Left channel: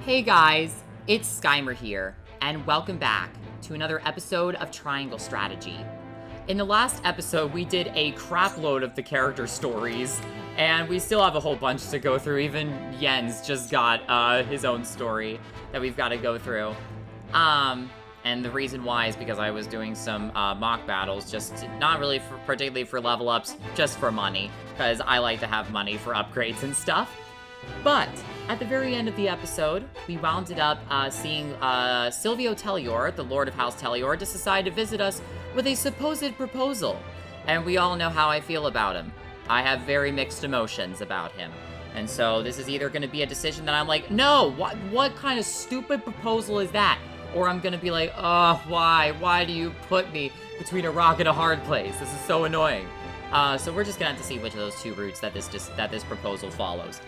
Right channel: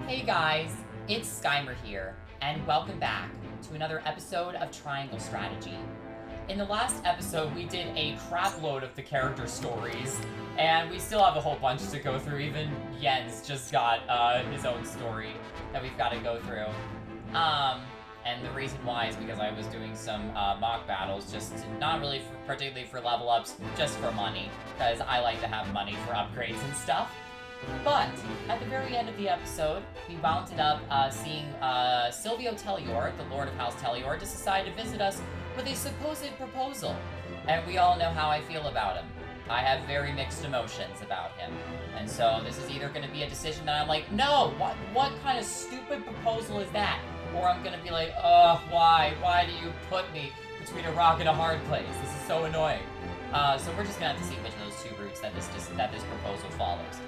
Hey guys, it's Skymer here, and welcome back to another episode of Triangle Strategy. In the last episode, we did a crap load of the character stories, and we still have a whole bunch to go through. Even Jens just got his own story that we've got to go through. And the reason why is because I was doing some mock battles, just not really particularly for level ups, just for money, because I like to have money for upgrades and stuff. But at the very end of the episode, we wound up seeing Silvio Tellior, the Lord of House Tellior, just decide to visit us with a supposed proposal. And we all know how I feel about him. I have very mixed emotions about him. And so this is either going to be a decision that I'm like, no, what kind of stupid proposal is that? Or I'm going to be like, oh, why? Why do you put me between a rock and a hard place? This is so annoying. So we're just going to have to see which of those two routes that this proposal follows.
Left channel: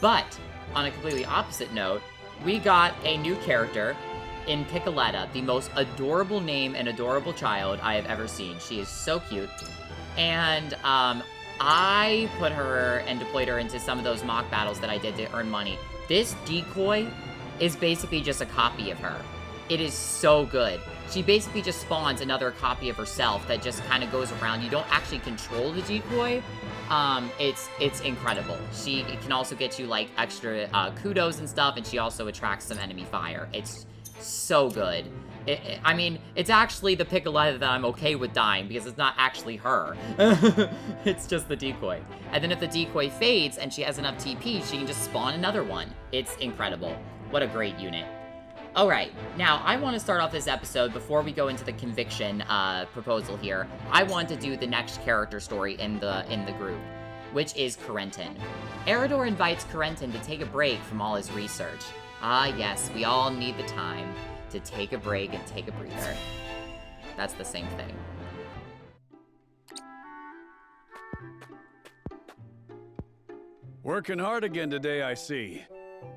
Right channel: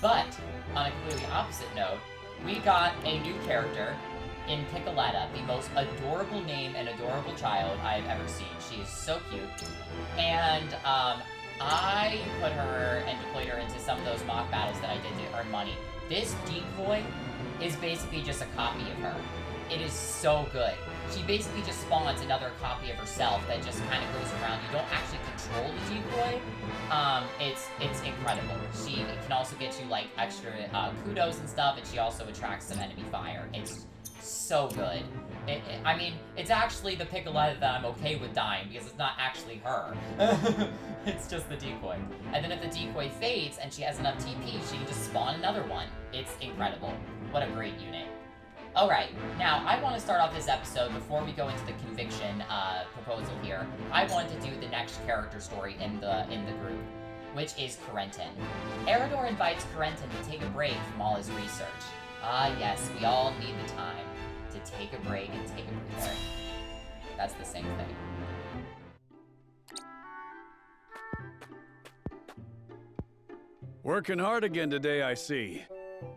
But, on a completely opposite note, we got a new character in Piccoletta, the most adorable name and adorable child I have ever seen. She is so cute. And I put her and deployed her into some of those mock battles that I did to earn money. This decoy is basically just a copy of her. It is so good. She basically just spawns another copy of herself that just kind of goes around. You don't actually control the decoy. It's incredible. She can also get you like extra kudos and stuff, and she also attracts some enemy fire. It's so good. I mean, it's actually the Piccoletta that I'm okay with dying because it's not actually her. It's just the decoy. And then if the decoy fades and she has enough TP, she can just spawn another one. It's incredible. What a great unit. Alright, now I want to start off this episode before we go into the conviction proposal here. I want to do the next character story in the group, which is Corentin. Eridor invites Corentin to take a break from all his research. Ah yes, we all need the time to take a break and take a breather. That's the same thing. Working hard again today, I see.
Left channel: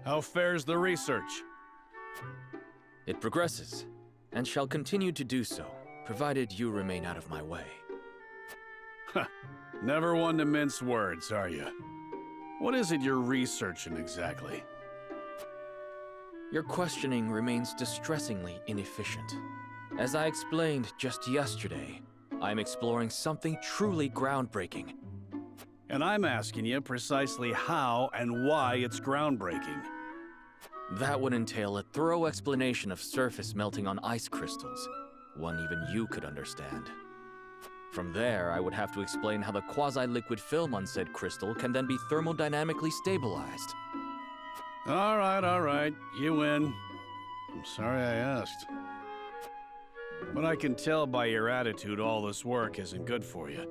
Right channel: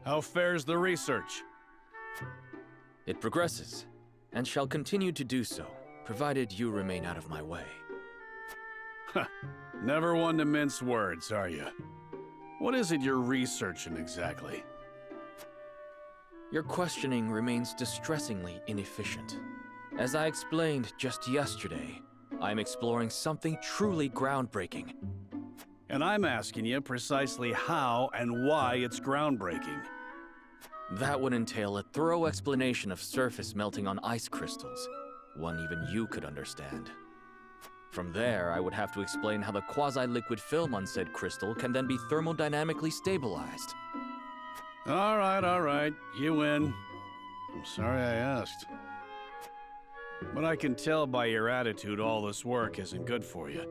How fares the research? It progresses, and shall continue to do so, provided you remain out of my way. Never one to mince words, are you? What is it you're researching exactly? Your questioning remains distressingly inefficient. As I explained just yesterday, I'm exploring something truly groundbreaking. And I'm asking you precisely how and why it's groundbreaking. That would entail a thorough explanation of surface melting on ice crystals, one even you could understand. From there, I would have to explain how the quasi-liquid film on said crystal can then be thermodynamically stabilized. All right, you win. I'm sorry I asked. But I can tell by your attitude all this work isn't good for you.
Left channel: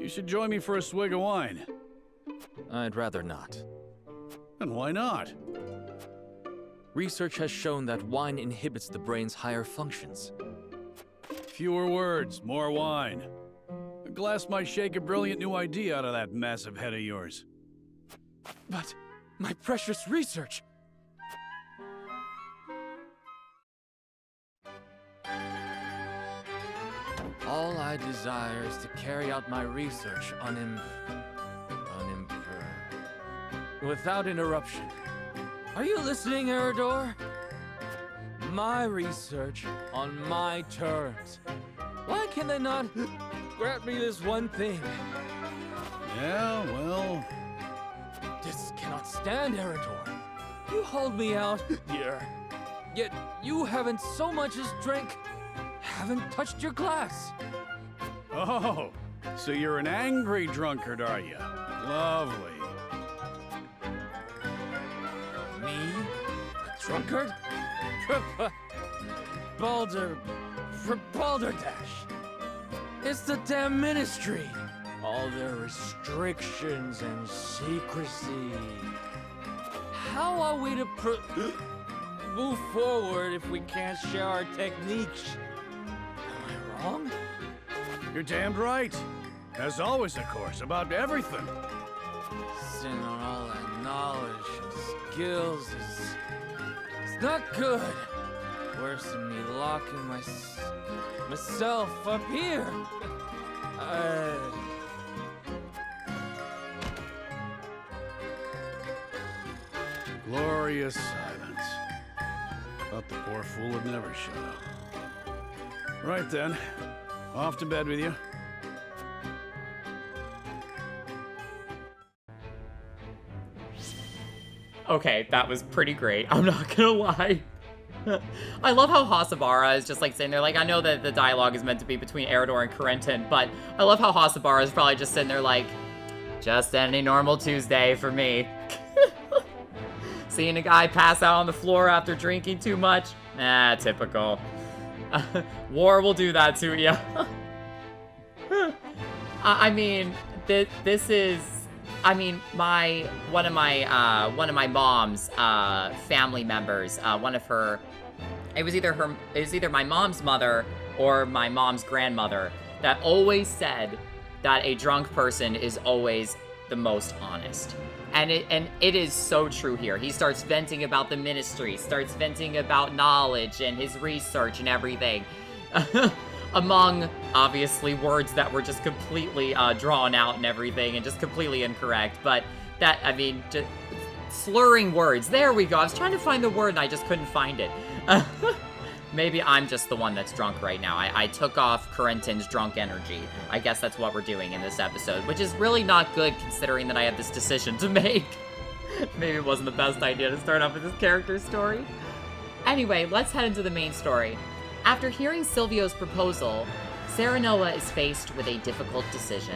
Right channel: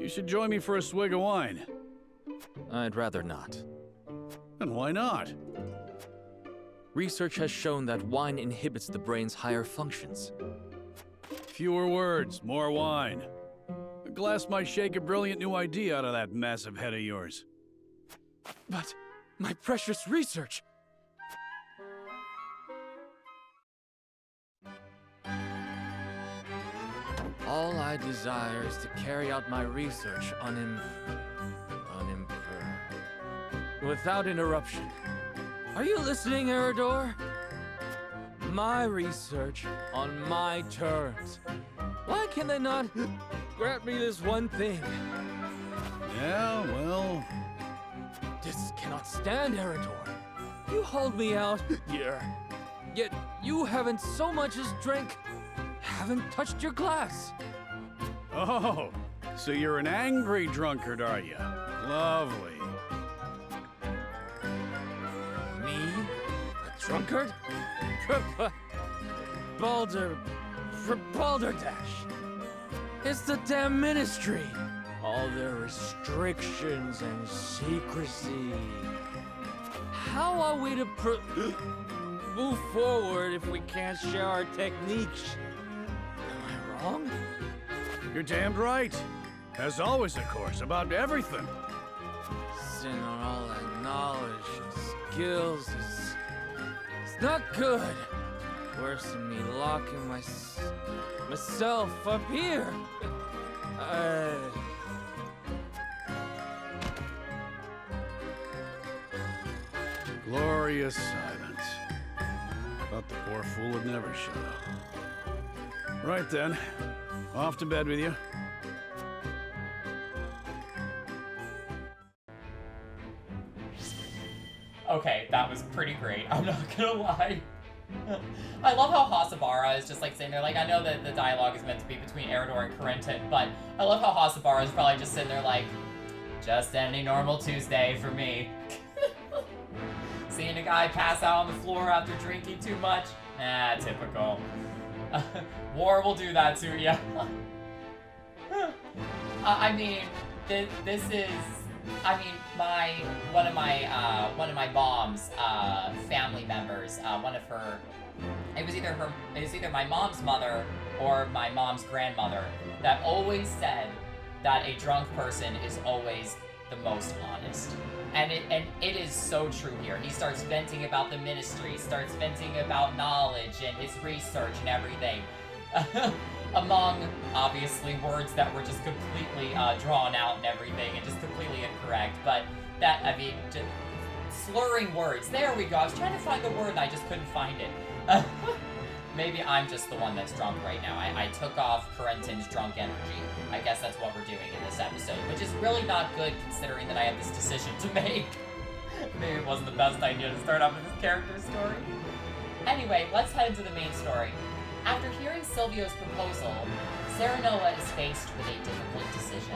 You should join me for a swig of wine. I'd rather not. And why not? Research has shown that wine inhibits the brain's higher functions. Fewer words, more wine. A glass might shake a brilliant new idea out of that massive head of yours. But my precious research! All I desire is to carry out my research without interruption. Are you listening, Eridor? My research on my terms. Why can they not grant me this one thing? Yeah, well... This cannot stand, Eridor. You hold me out here, yet you haven't so much as haven't touched your glass. Oh, so you're an angry drunkard, are you? Lovely. Me? A drunkard? Balderdash. It's the damn ministry. All their restrictions and secrecy. How are we to move forward if we can't share our techniques? Am I wrong? You're damned right. As always, of course, about everything. Sitting on all that knowledge and skills is... It's not good. Worse than me locking myself up here. Glorious silence. Thought the poor fool would never shut up. Right then. Off to bed with you. Okay, that was pretty great. I'm not gonna lie. I love how Hasabara is just like sitting there. Like, I know that the dialogue is meant to be between Eridor and Corentin, but I love how Hasabara is probably just sitting there like, just any normal Tuesday for me. Seeing a guy pass out on the floor after drinking too much? Typical. War will do that to you. I mean, this is... I mean, one of my mom's family members, it was either my mom's mother or my mom's grandmother that always said that a drunk person is always the most honest. And it is so true here. He starts venting about the ministry, starts venting about knowledge and his research and everything. Among, obviously, words that were just completely drawn out and everything and just completely incorrect. But that, I mean, just slurring words. There we go. I was trying to find the word and I just couldn't find it. Maybe I'm just the one that's drunk right now. I took off Corentin's drunk energy. I guess that's what we're doing in this episode, which is really not good considering that I have this decision to make. Maybe it wasn't the best idea to start off with this character story. Anyway, let's head into the main story. After hearing Silvio's proposal, Serenoa is faced with a difficult decision.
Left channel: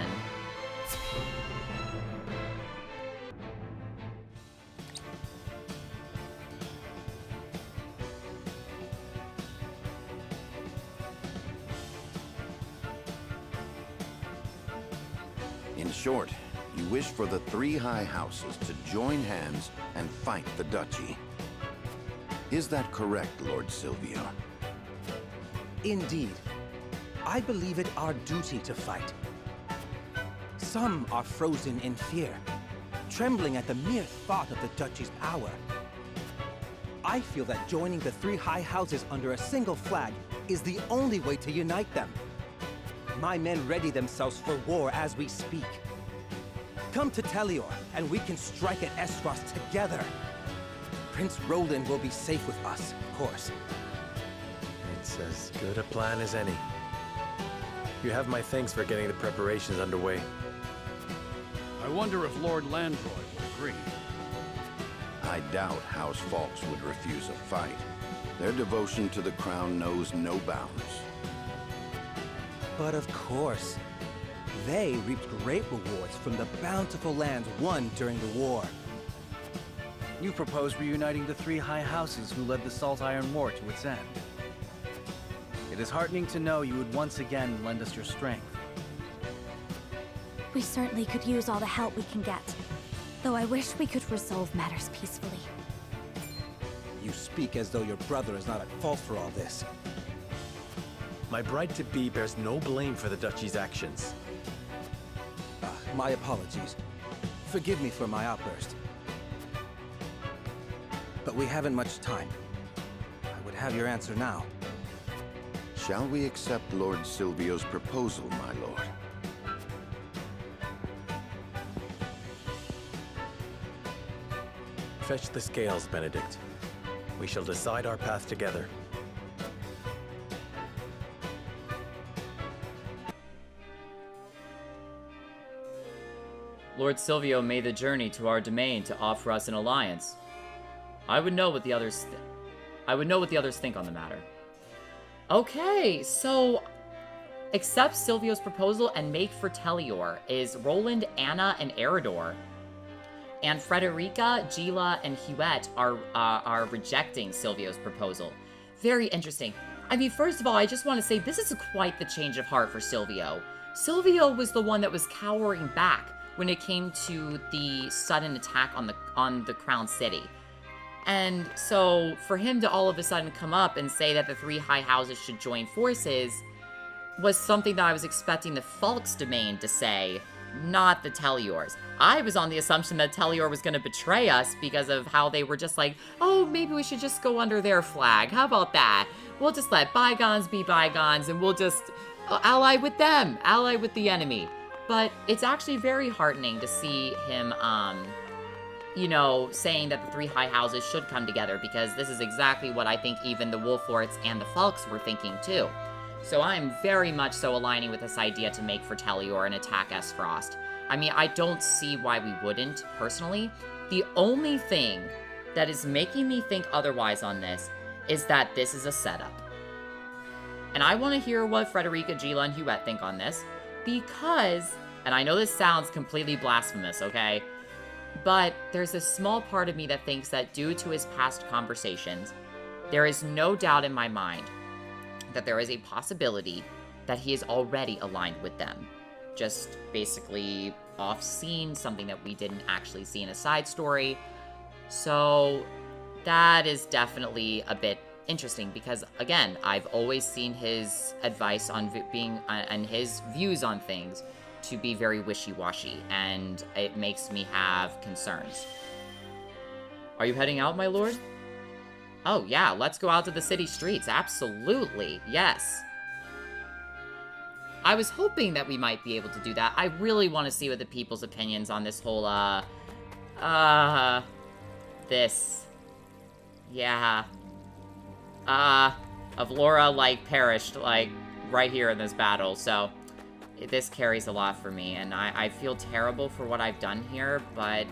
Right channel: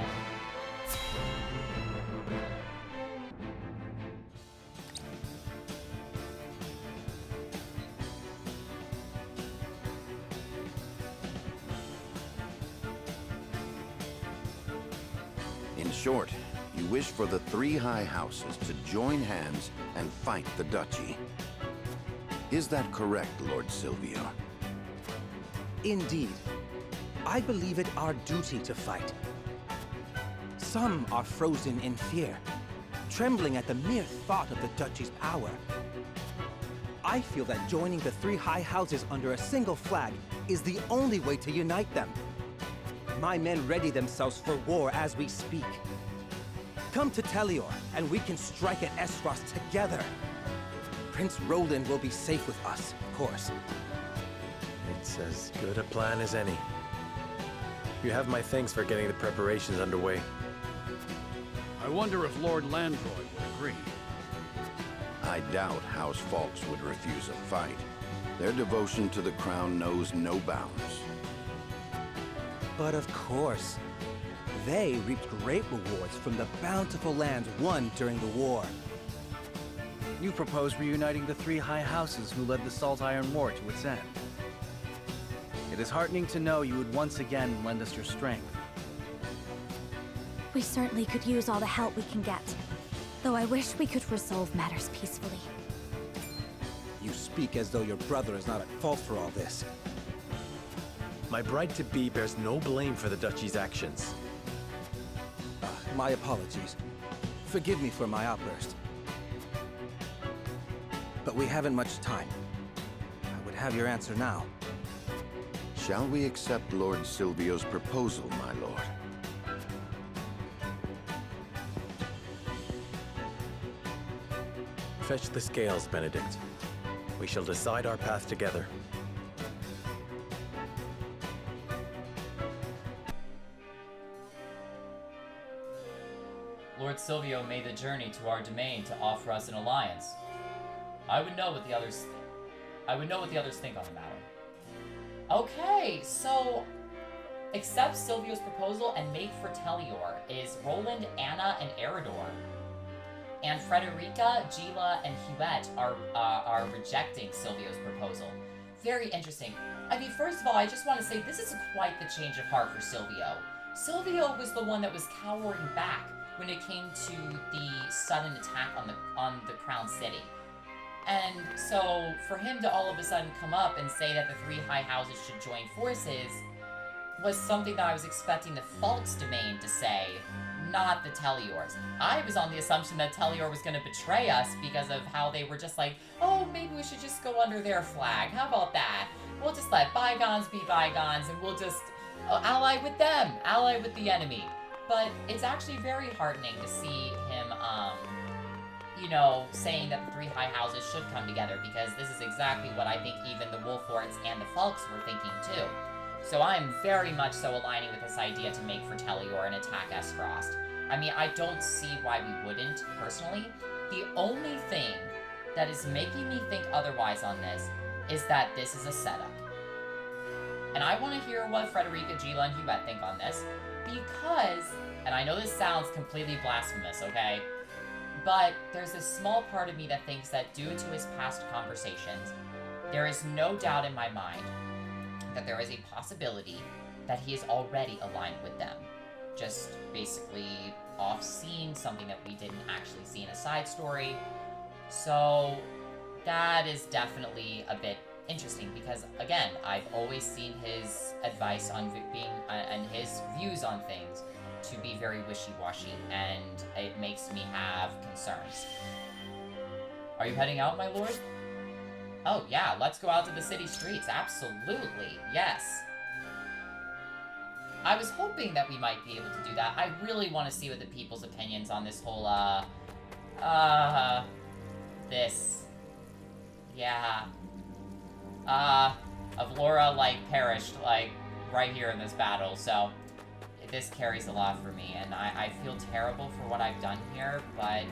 In short, you wish for the three high houses to join hands and fight the duchy. Is that correct, Lord Silvio? Indeed. I believe it our duty to fight. Some are frozen in fear, trembling at the mere thought of the duchy's power. I feel that joining the three high houses under a single flag is the only way to unite them. My men ready themselves for war as we speak. Come to Telior, and we can strike at Aesfrost together. Prince Roland will be safe with us, of course. It's as good a plan as any. You have my thanks for getting the preparations underway. I wonder if Lord Landroy would agree. I doubt House Falks would refuse a fight. Their devotion to the crown knows no bounds. But of course, they reaped great rewards from the bountiful lands won during the war. You propose reuniting the three high houses who led the Salt Iron War to its end. It is heartening to know you would once again lend us your strength. We certainly could use all the help we can get, though I wish we could resolve matters peacefully. You speak as though your brother is not at fault for all this. My bride-to-be bears no blame for the duchy's actions. My apologies. Forgive me for my outburst. But we haven't much time. I would have your answer now. Shall we accept Lord Silvio's proposal, my lord? Fetch the scales, Benedict. We shall decide our path together. Lord Silvio made the journey to our domain to offer us an alliance. I would know what the others think on the matter. Okay, so accept Silvio's proposal and make for Telior is Roland, Anna, and Eridor. And Frederica, Gila, and Huette are rejecting Silvio's proposal. Very interesting. I mean, first of all, I just want to say this is quite the change of heart for Silvio. Silvio was the one that was cowering back when it came to the sudden attack on the Crown City. And so for him to all of a sudden come up and say that the three high houses should join forces was something that I was expecting the Falk's domain to say, not the Telior's. I was on the assumption that Telior was going to betray us because of how they were just like, oh, maybe we should just go under their flag. How about that? We'll just let bygones be bygones and we'll just ally with them, ally with the enemy. But it's actually very heartening to see him you know, saying that the three high houses should come together, because this is exactly what I think even the Wolf Lords and the Falks were thinking too. So I'm very much so aligning with this idea to make for Telior and attack Aesfrost. I mean, I don't see why we wouldn't, personally. The only thing that is making me think otherwise on this is that this is a setup. And I want to hear what Frederica, Gila, and Huette think on this, because, and I know this sounds completely blasphemous, okay? But there's a small part of me that thinks that due to his past conversations, there is no doubt in my mind that there is a possibility that he is already aligned with them. Just basically off-scene, something that we didn't actually see in a side story. So that is definitely a bit interesting, because again, I've always seen his advice on being and his views on things to be very wishy-washy, and it makes me have concerns. Are you heading out, my lord? Oh yeah, let's go out to the city streets. Absolutely, yes. I was hoping that we might be able to do that. I really want to see what the people's opinions on this whole, this. Yeah. Avlora, like, perished, like, right here in this battle, so this carries a lot for me, and I feel terrible for what I've done here, but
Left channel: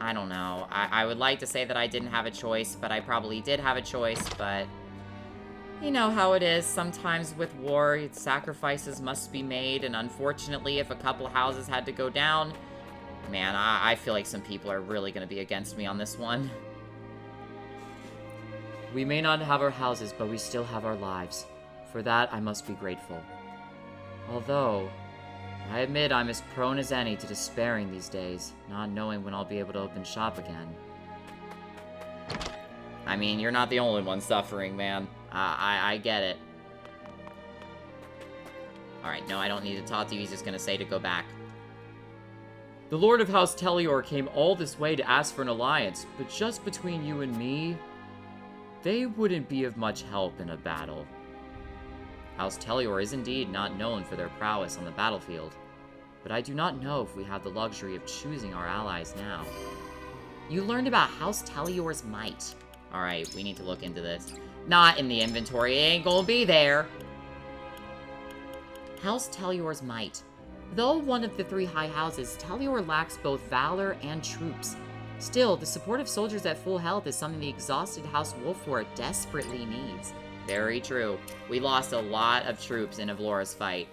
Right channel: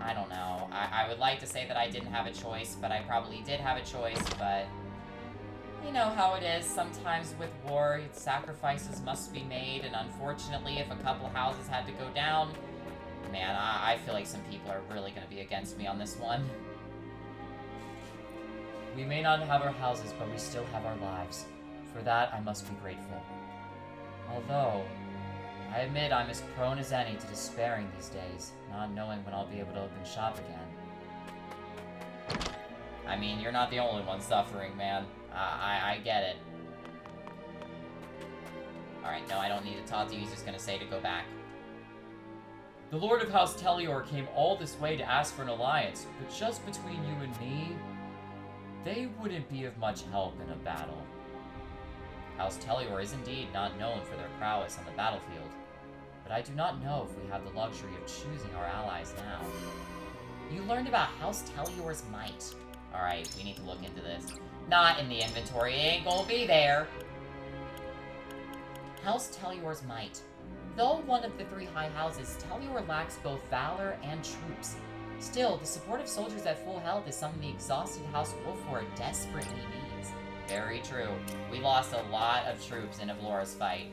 I don't know. I would like to say that I didn't have a choice, but I probably did have a choice, but you know how it is. Sometimes with war, sacrifices must be made, and unfortunately, if a couple houses had to go down, man, I feel like some people are really going to be against me on this one. We may not have our houses, but we still have our lives. For that, I must be grateful. Although, I admit I'm as prone as any to despairing these days, not knowing when I'll be able to open shop again. I mean, you're not the only one suffering, man. I get it. Alright, no, I don't need to talk to you. He's just gonna say to go back. The Lord of House Telior came all this way to ask for an alliance, but just between you and me, they wouldn't be of much help in a battle. House Telior is indeed not known for their prowess on the battlefield, but I do not know if we have the luxury of choosing our allies now. You learned about House Telior's might. Alright, we need to look into this. Not in the inventory, it ain't gonna be there. House Telior's might. Though one of the three high houses, Telior lacks both valor and troops. Still, the support of soldiers at full health is something the exhausted House Wolfward desperately needs. Very true. We lost a lot of troops in Avlora's fight.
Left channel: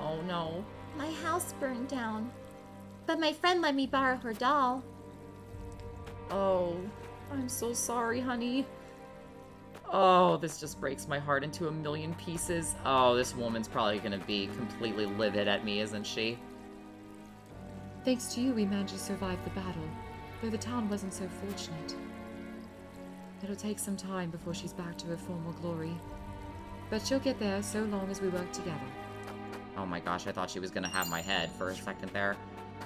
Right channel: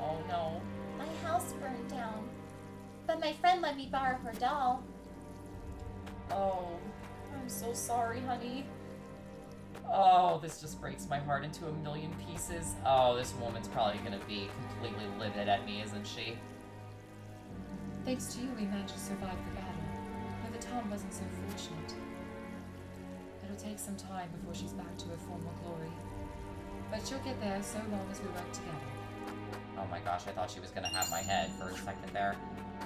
Oh no. My house burned down. But my friend let me borrow her doll. Oh, I'm so sorry, honey. Oh, this just breaks my heart into a million pieces. Oh, this woman's probably gonna be completely livid at me, isn't she? Thanks to you, we managed to survive the battle, though the town wasn't so fortunate. It'll take some time before she's back to her former glory. But she'll get there so long as we work together. Oh my gosh, I thought she was gonna have my head for a second there.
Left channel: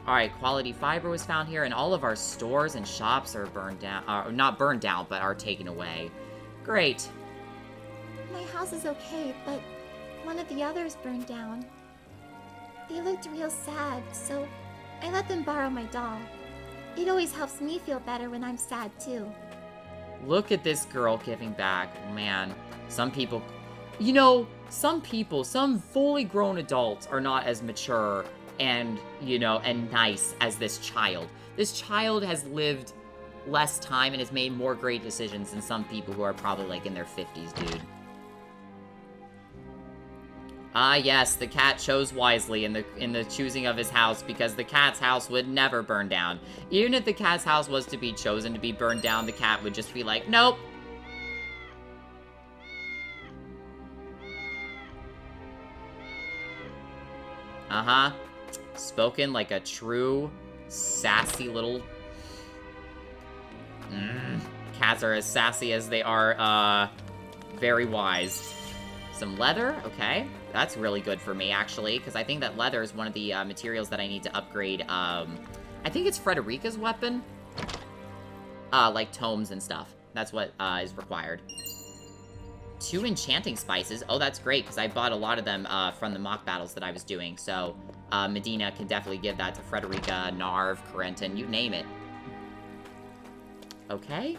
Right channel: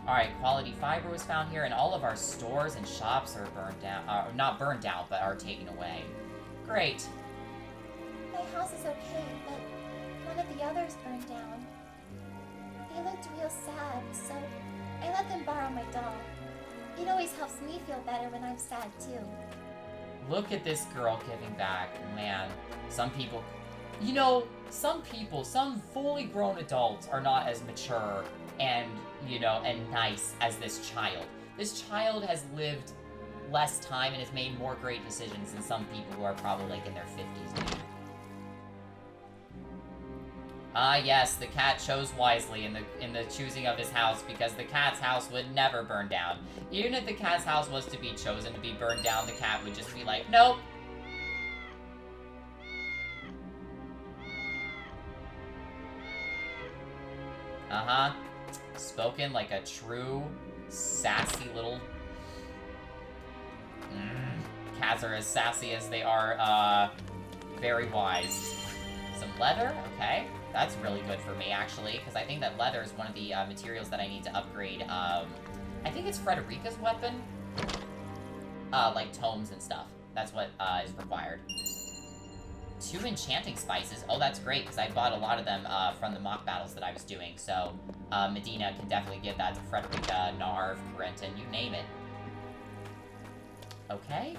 Alright, quality fiber was found here, and all of our stores and shops are burned down. Not burned down, but are taken away. Great. My house is okay, but one of the others burned down. They looked real sad, so I let them borrow my doll. It always helps me feel better when I'm sad, too. Look at this girl giving back. Man, some people... You know, some people, some fully grown adults are not as mature and, you know, and nice as this child. This child has lived less time and has made more great decisions than some people who are probably, like, in their 50s, dude. Ah, yes, the cat chose wisely in the choosing of his house, because the cat's house would never burn down. Even if the cat's house was to be chosen to be burned down, the cat would just be like, nope. Uh-huh. Spoken like a true, sassy little... Cats are as sassy as they are, very wise. Some leather, okay. That's really good for me, actually, because I think that leather is one of the materials that I need to upgrade, I think it's Frederica's weapon. Like tomes and stuff. That's what, is required. 2 enchanting spices. Oh, that's great, because I bought a lot of them from the mock battles that I was doing. So, Medina can definitely give that to Frederica, Narv, Corentin, you name it. Okay.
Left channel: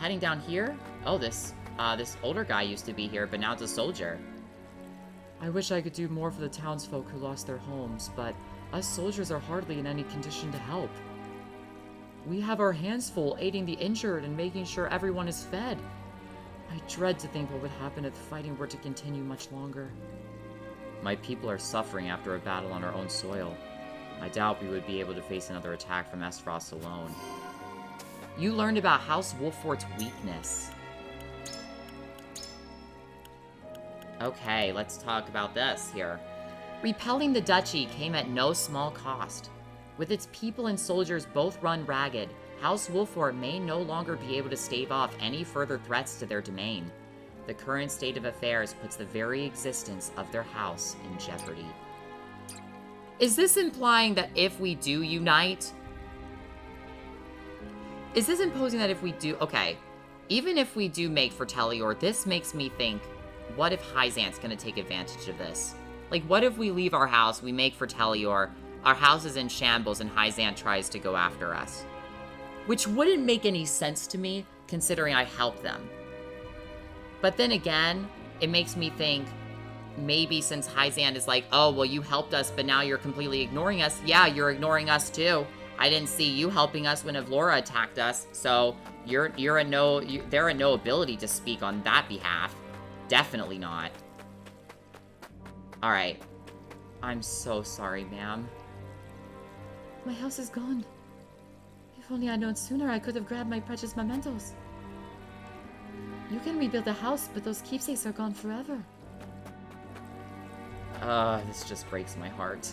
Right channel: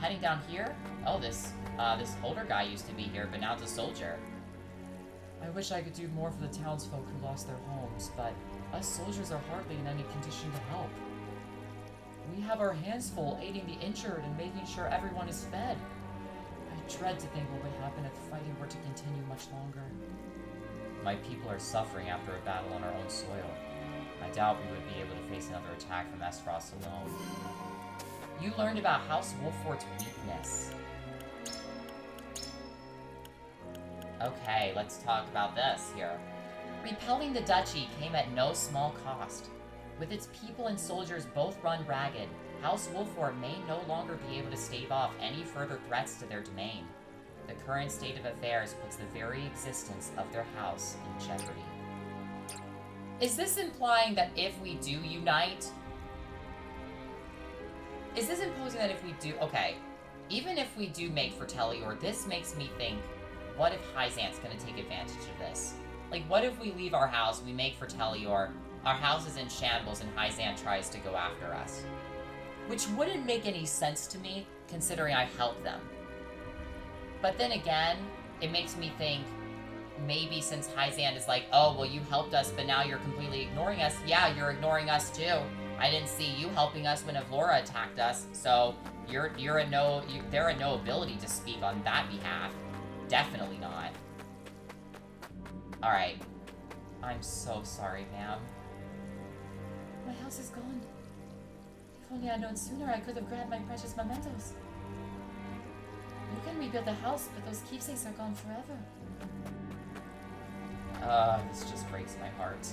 Heading down here. Oh, this older guy used to be here, but now it's a soldier. I wish I could do more for the townsfolk who lost their homes, but us soldiers are hardly in any condition to help. We have our hands full aiding the injured and making sure everyone is fed. I dread to think what would happen if the fighting were to continue much longer. My people are suffering after a battle on our own soil. I doubt we would be able to face another attack from Aesfrost alone. You learned about House Wolfort's weakness. Okay, let's talk about this here. Repelling the duchy came at no small cost. With its people and soldiers both run ragged, House Wolfort may no longer be able to stave off any further threats to their domain. The current state of affairs puts the very existence of their house in jeopardy. Is this implying that if we do unite... Is this imposing that if we do... Okay, even if we do make Fertelior, this makes me think, what if Hyzante's gonna take advantage of this? Like, what if we leave our house, we make Fertelior, our house is in shambles, and Hyzante tries to go after us? Which wouldn't make any sense to me, considering I helped them. But then again, it makes me think, maybe since Hyzante is like, oh, well, you helped us, but now you're completely ignoring us. Yeah, you're ignoring us too. I didn't see you helping us when Avlora attacked us, so they're in no ability to speak on that behalf. Definitely not. Alright. I'm so sorry, ma'am. My house is gone. If only I'd known sooner, I could have grabbed my precious mementos. You can rebuild the house, but those keepsakes are gone forever. This just breaks my heart.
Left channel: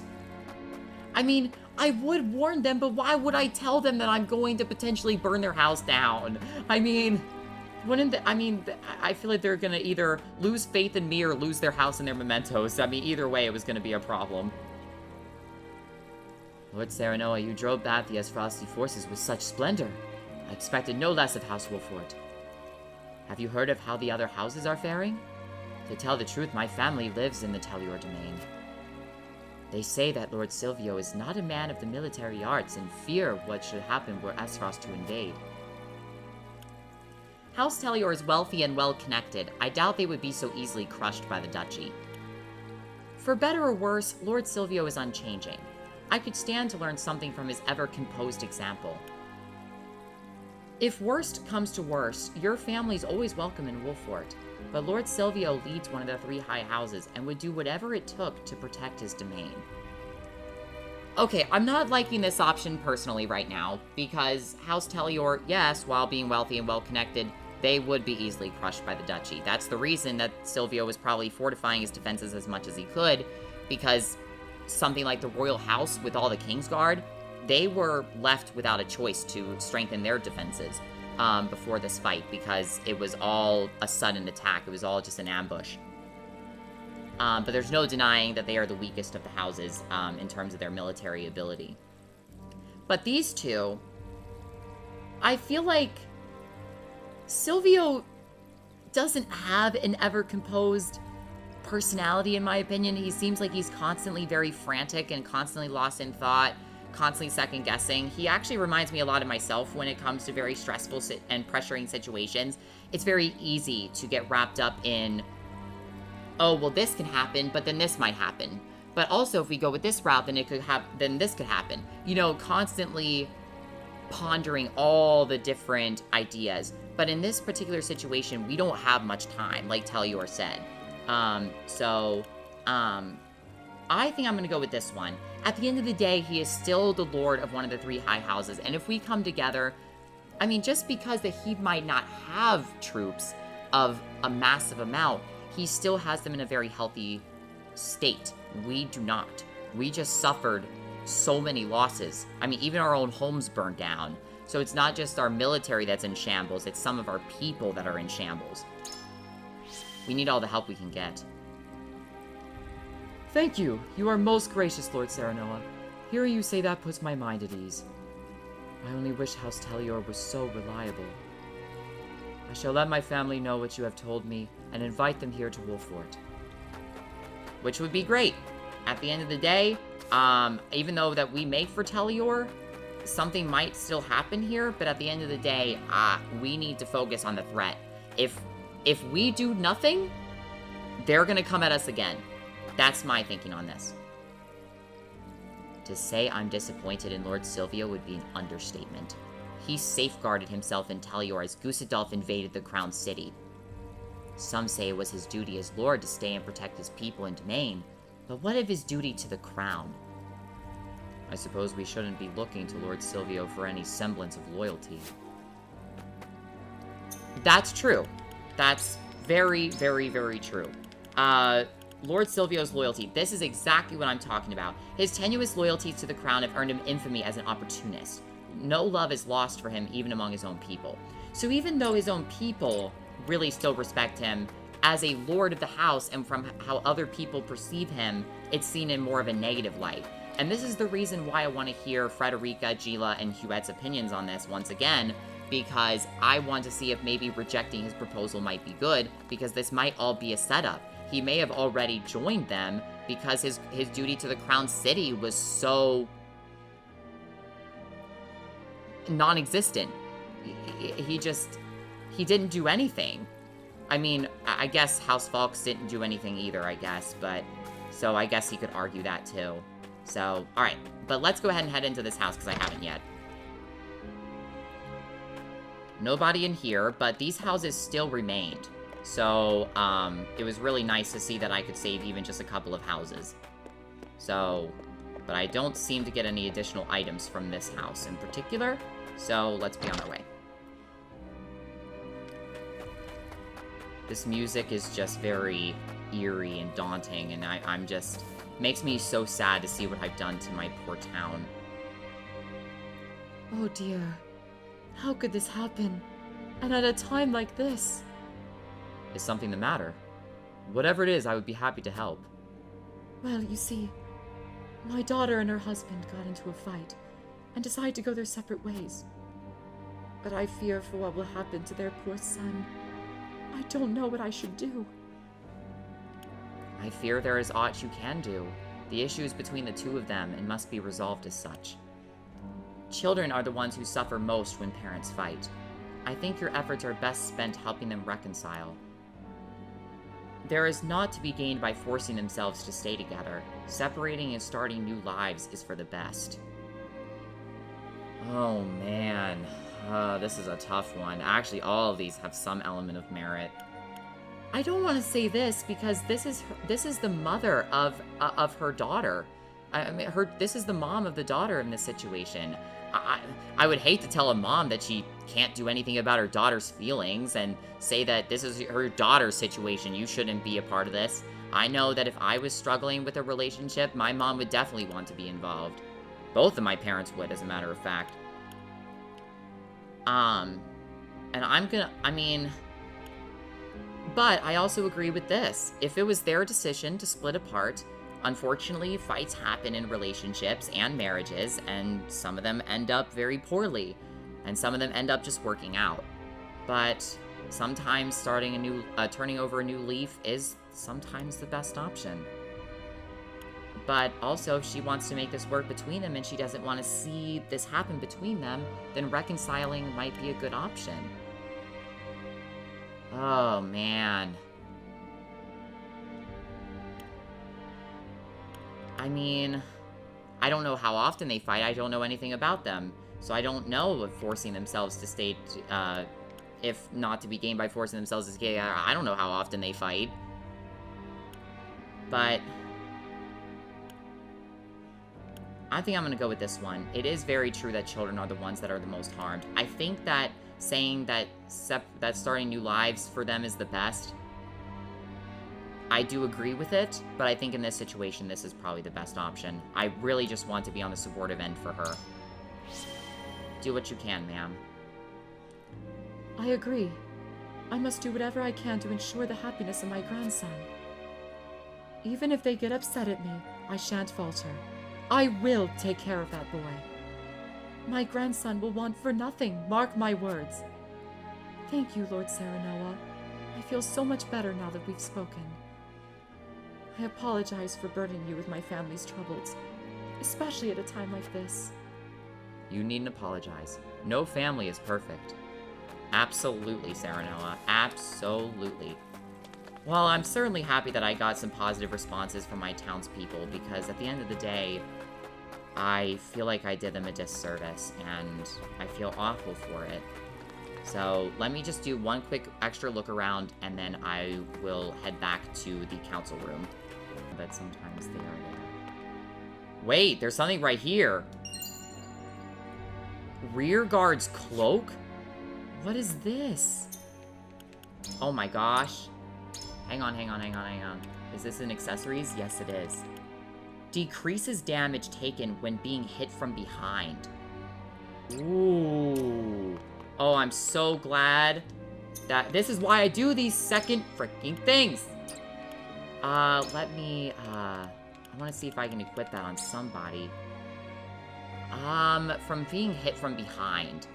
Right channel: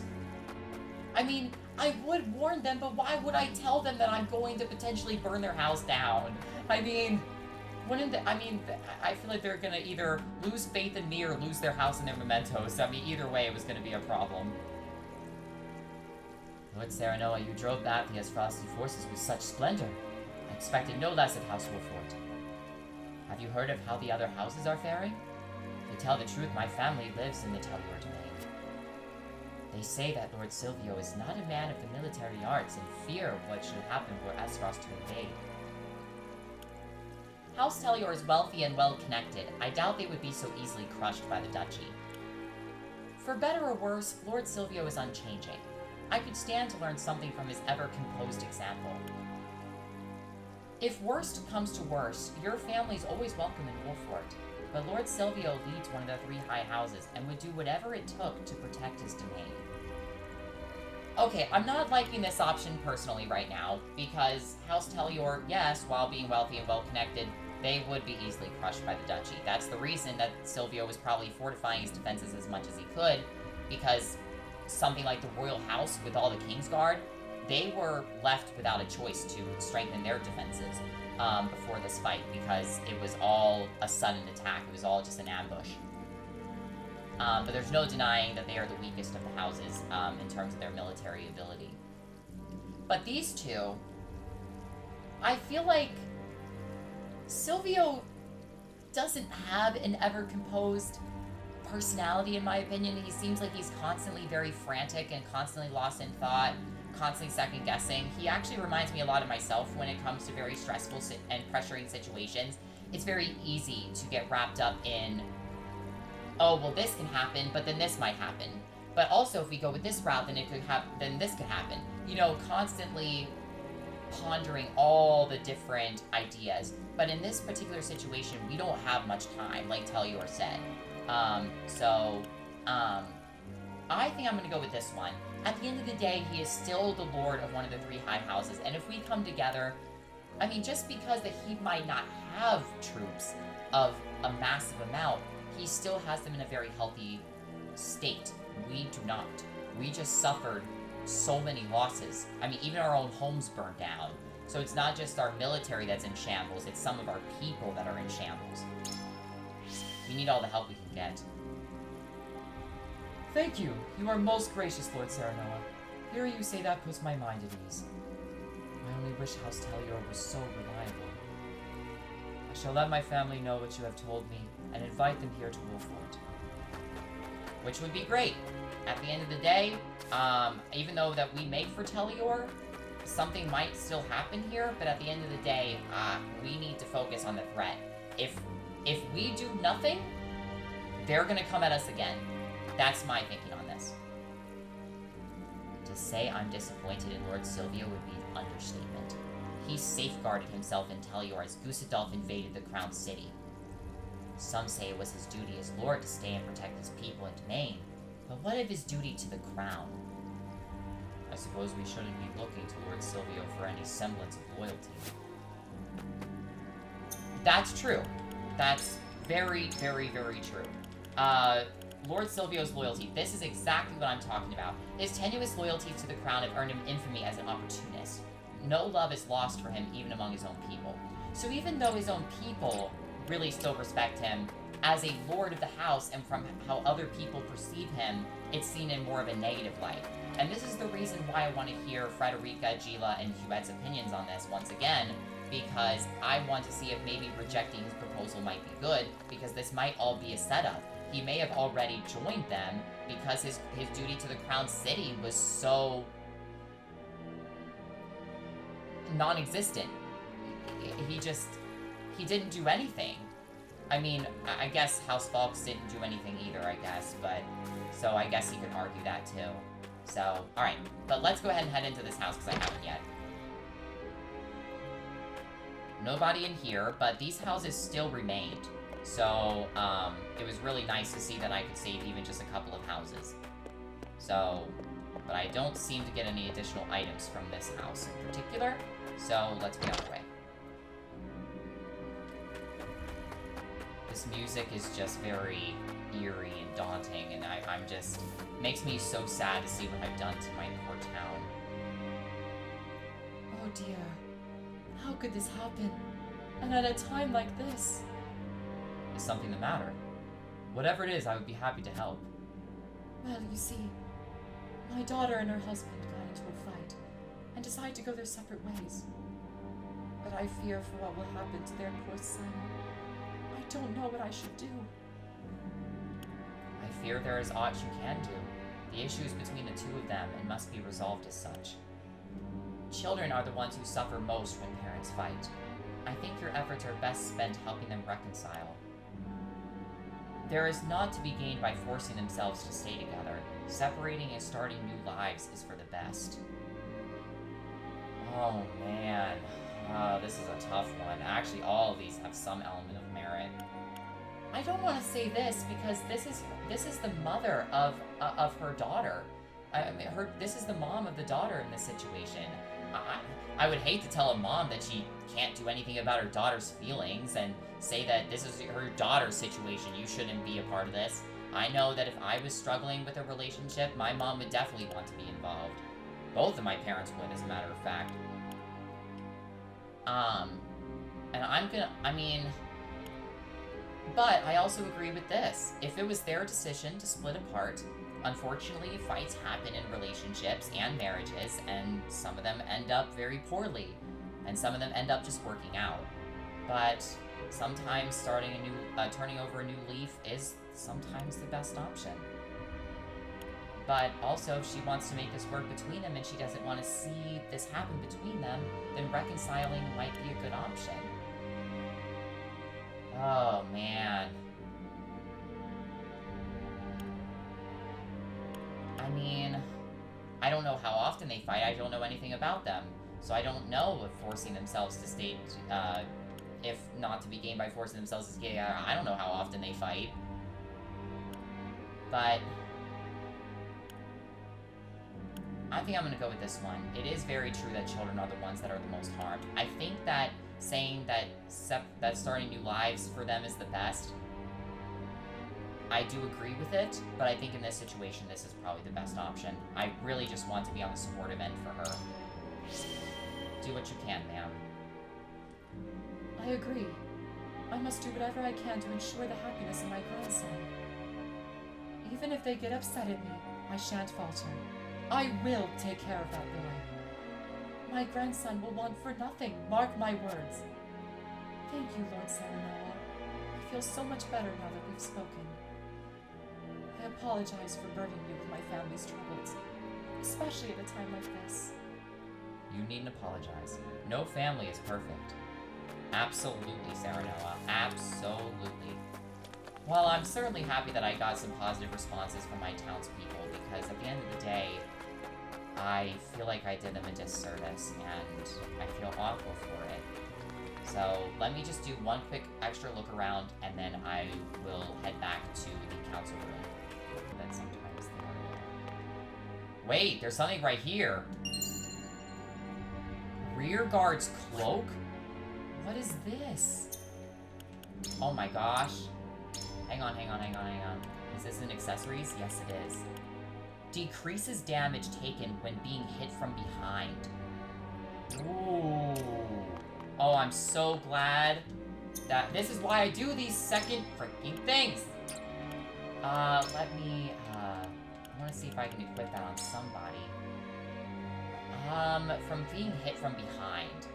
I mean, I would warn them, but why would I tell them that I'm going to potentially burn their house down? I mean, I feel like they're gonna either lose faith in me or lose their house and their mementos. I mean, either way, it was gonna be a problem. Lord Serenoa, you drove back the Aesfrosti forces with such splendor. I expected no less of House Wolfort. Have you heard of how the other houses are faring? To tell the truth, my family lives in the Tellior domain. They say that Lord Silvio is not a man of the military arts and fear what should happen were Aesfrost to invade. House Tellior is wealthy and well-connected. I doubt they would be so easily crushed by the duchy. For better or worse, Lord Silvio is unchanging. I could stand to learn something from his ever-composed example. If worst comes to worst, your family's always welcome in Wolfort, but Lord Silvio leads one of the 3 high houses and would do whatever it took to protect his domain. Okay, I'm not liking this option personally right now, because House Tellior, yes, while being wealthy and well-connected, they would be easily crushed by the duchy. That's the reason that Silvio was probably fortifying his defenses as much as he could, because something like the royal house with all the Kingsguard, they were left without a choice to strengthen their defenses before this fight, because it was all a sudden attack. It was all just an ambush. But there's no denying that they are the weakest of the houses in terms of their military ability. But these two, I feel like Silvio doesn't have an ever-composed personality, in my opinion. He seems like he's constantly very frantic and constantly lost in thought, constantly second-guessing. He actually reminds me a lot of myself when it comes to very stressful and pressuring situations. It's very easy to get wrapped up in, oh, well, this can happen, but then this might happen. But also, if we go with this route, then this could happen. You know, constantly pondering all the different ideas. But in this particular situation, we don't have much time, like Tellior said. I think I'm gonna go with this one. At the end of the day, he is still the lord of one of the 3 high houses, and if we come together, I mean, just because that he might not have troops of a massive amount, he still has them in a very healthy state. We do not. We just suffered so many losses. I mean, even our own homes burned down. So it's not just our military that's in shambles, it's some of our people that are in shambles. We need all the help we can get. Thank you. You are most gracious, Lord Serenoa. Hearing you say that puts my mind at ease. I only wish House Tellior was so reliable. I shall let my family know what you have told me and invite them here to Wolfort. Which would be great. At the end of the day, even though that we make for Telior, something might still happen here, but at the end of the day, we need to focus on the threat. If we do nothing, they're gonna come at us again. That's my thinking on this. To say I'm disappointed in Lord Silvio would be an understatement. He safeguarded himself in Telior as Gusadolf invaded the Crown City. Some say it was his duty as Lord to stay and protect his people and domain, but what of his duty to the Crown? I suppose we shouldn't be looking to Lord Silvio for any semblance of loyalty. That's true. That's very, very, very true. Lord Silvio's loyalty. This is exactly what I'm talking about. His tenuous loyalties to the crown have earned him infamy as an opportunist. No love is lost for him even among his own people. So even though his own people really still respect him, as a lord of the house and from how other people perceive him, it's seen in more of a negative light. And this is the reason why I want to hear Frederica, Gila, and Huette's opinions on this once again, because I want to see if maybe rejecting his proposal might be good, because this might all be a setup. He may have already joined them because his duty to the Crown City was so non-existent. He didn't do anything. I mean, I guess House Falks didn't do anything either, I guess, but so I guess he could argue that too. So, alright, but let's go ahead and head into this house because I haven't yet. Nobody in here, but these houses still remained. So, it was really nice to see that I could save even just a couple of houses. So, but I don't seem to get any additional items from this house in particular, so let's be on our way. This music is just very eerie and daunting, and I'm just... makes me so sad to see what I've done to my poor town. Oh dear. How could this happen? And at a time like this? Is something the matter? Whatever it is, I would be happy to help. Well, you see, my daughter and her husband got into a fight and decided to go their separate ways. But I fear for what will happen to their poor son. I don't know what I should do. I fear there is aught you can do. The issue is between the two of them and must be resolved as such. Children are the ones who suffer most when parents fight. I think your efforts are best spent helping them reconcile. There is naught to be gained by forcing themselves to stay together. Separating and starting new lives is for the best. Oh man, this is a tough one. Actually, all of these have some element of merit. I don't want to say this because this is the mother of her daughter. I mean, this is the mom of the daughter in this situation. I would hate to tell a mom that she can't do anything about her daughter's feelings and say that this is her daughter's situation, you shouldn't be a part of this. I know that if I was struggling with a relationship, my mom would definitely want to be involved. Both of my parents would, as a matter of fact. And but I also agree with this. If it was their decision to split apart, unfortunately, fights happen in relationships and marriages, and some of them end up very poorly, and some of them end up just working out. But sometimes turning over a new leaf is sometimes the best option. But also, if she wants to make this work between them and she doesn't want to see this happen between them, then reconciling might be a good option. Oh, man. I mean, I don't know how often they fight. I don't know anything about them. So I don't know if forcing themselves to stay, if not to be gained by forcing themselves to stay, I don't know how often they fight. But I think I'm going to go with this one. It is very true that children are the ones that are the most harmed. I think that saying that starting new lives for them is the best, I do agree with it, but I think in this situation, this is probably the best option. I really just want to be on the supportive end for her. Do what you can, ma'am. I agree. I must do whatever I can to ensure the happiness of my grandson. Even if they get upset at me, I shan't falter. I will take care of that boy. My grandson will want for nothing, mark my words. Thank you, Lord Serenoa. I feel so much better now that we've spoken. I apologize for burdening you with my family's troubles, especially at a time like this. You needn't apologize. No family is perfect. Absolutely, Serenoa. Absolutely. Well, I'm certainly happy that I got some positive responses from my townspeople, because at the end of the day, I feel like I did them a disservice, and I feel awful for it. So let me just do one quick extra look around, and then I will head back to the council room. But sometimes they are... Wait, there's something right here. Rear guard's cloak? What is this? Oh my gosh. Hang on. Is this an accessories? Yes, it is. Decreases damage taken when being hit from behind. Ooh. Oh, I'm so glad that this is why I do these second freaking things. Let me, I want to see if I can equip that on somebody. From being hit from behind,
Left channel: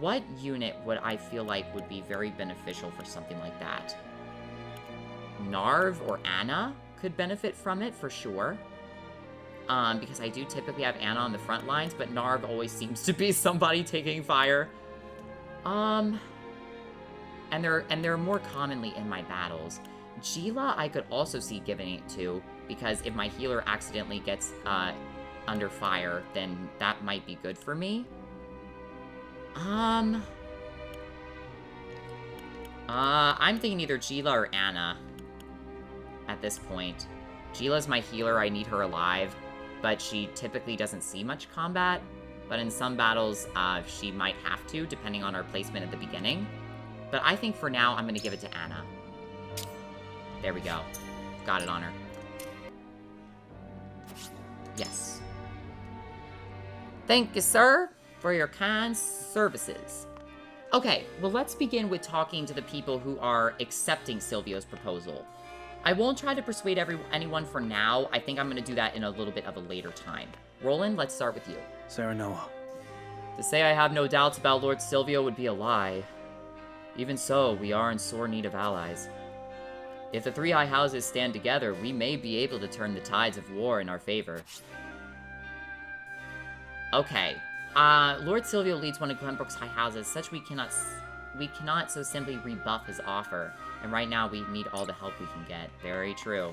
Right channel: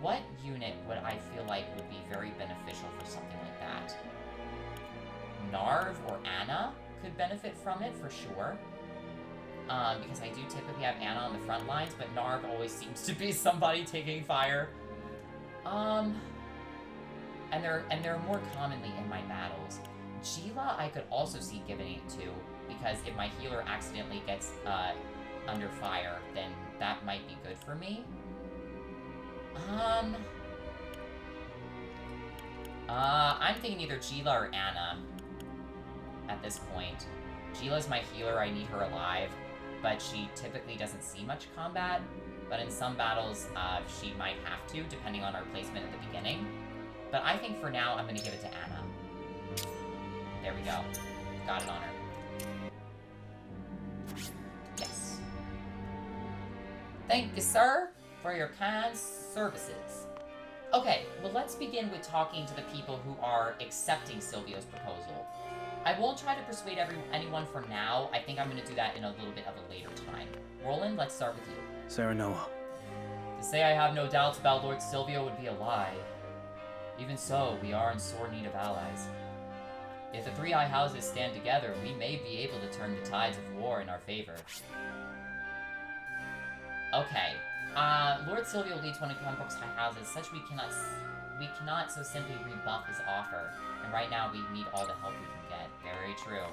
what unit would I feel like would be very beneficial for something like that? Narv or Anna could benefit from it for sure. Because I do typically have Anna on the front lines, but Narv always seems to be somebody taking fire. And they're more commonly in my battles. Gila I could also see giving it to, because if my healer accidentally gets under fire, then that might be good for me. I'm thinking either Gila or Anna at this point. Gila's my healer, I need her alive, but she typically doesn't see much combat. But in some battles, she might have to, depending on her placement at the beginning. But I think for now, I'm going to give it to Anna. There we go. Got it on her. Yes. Thank you, sir, for your kind services. Okay, well, let's begin with talking to the people who are accepting Silvio's proposal. I won't try to persuade anyone for now. I think I'm going to do that in a little bit of a later time. Roland, let's start with you. Serenoa. To say I have no doubts about Lord Silvio would be a lie. Even so, we are in sore need of allies. If the three high houses stand together, we may be able to turn the tides of war in our favor. Okay. Lord Silvio leads one of Glenbrook's high houses, such we cannot so simply rebuff his offer. And right now, we need all the help we can get. Very true.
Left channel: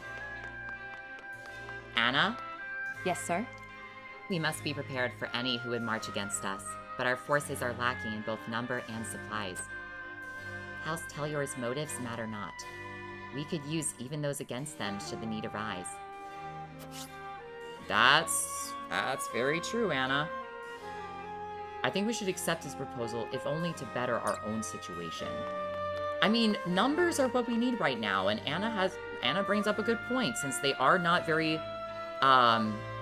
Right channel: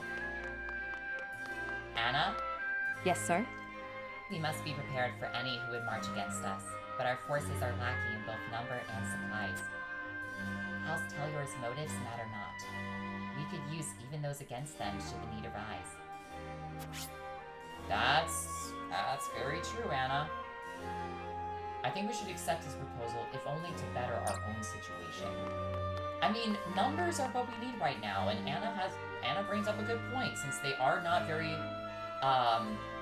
Anna? Yes, sir? We must be prepared for any who would march against us, but our forces are lacking in both number and supplies. House Telyor's motives matter not. We could use even those against them should the need arise. That's very true, Anna. I think we should accept his proposal, if only to better our own situation. I mean, numbers are what we need right now, and Anna brings up a good point, since they are not very,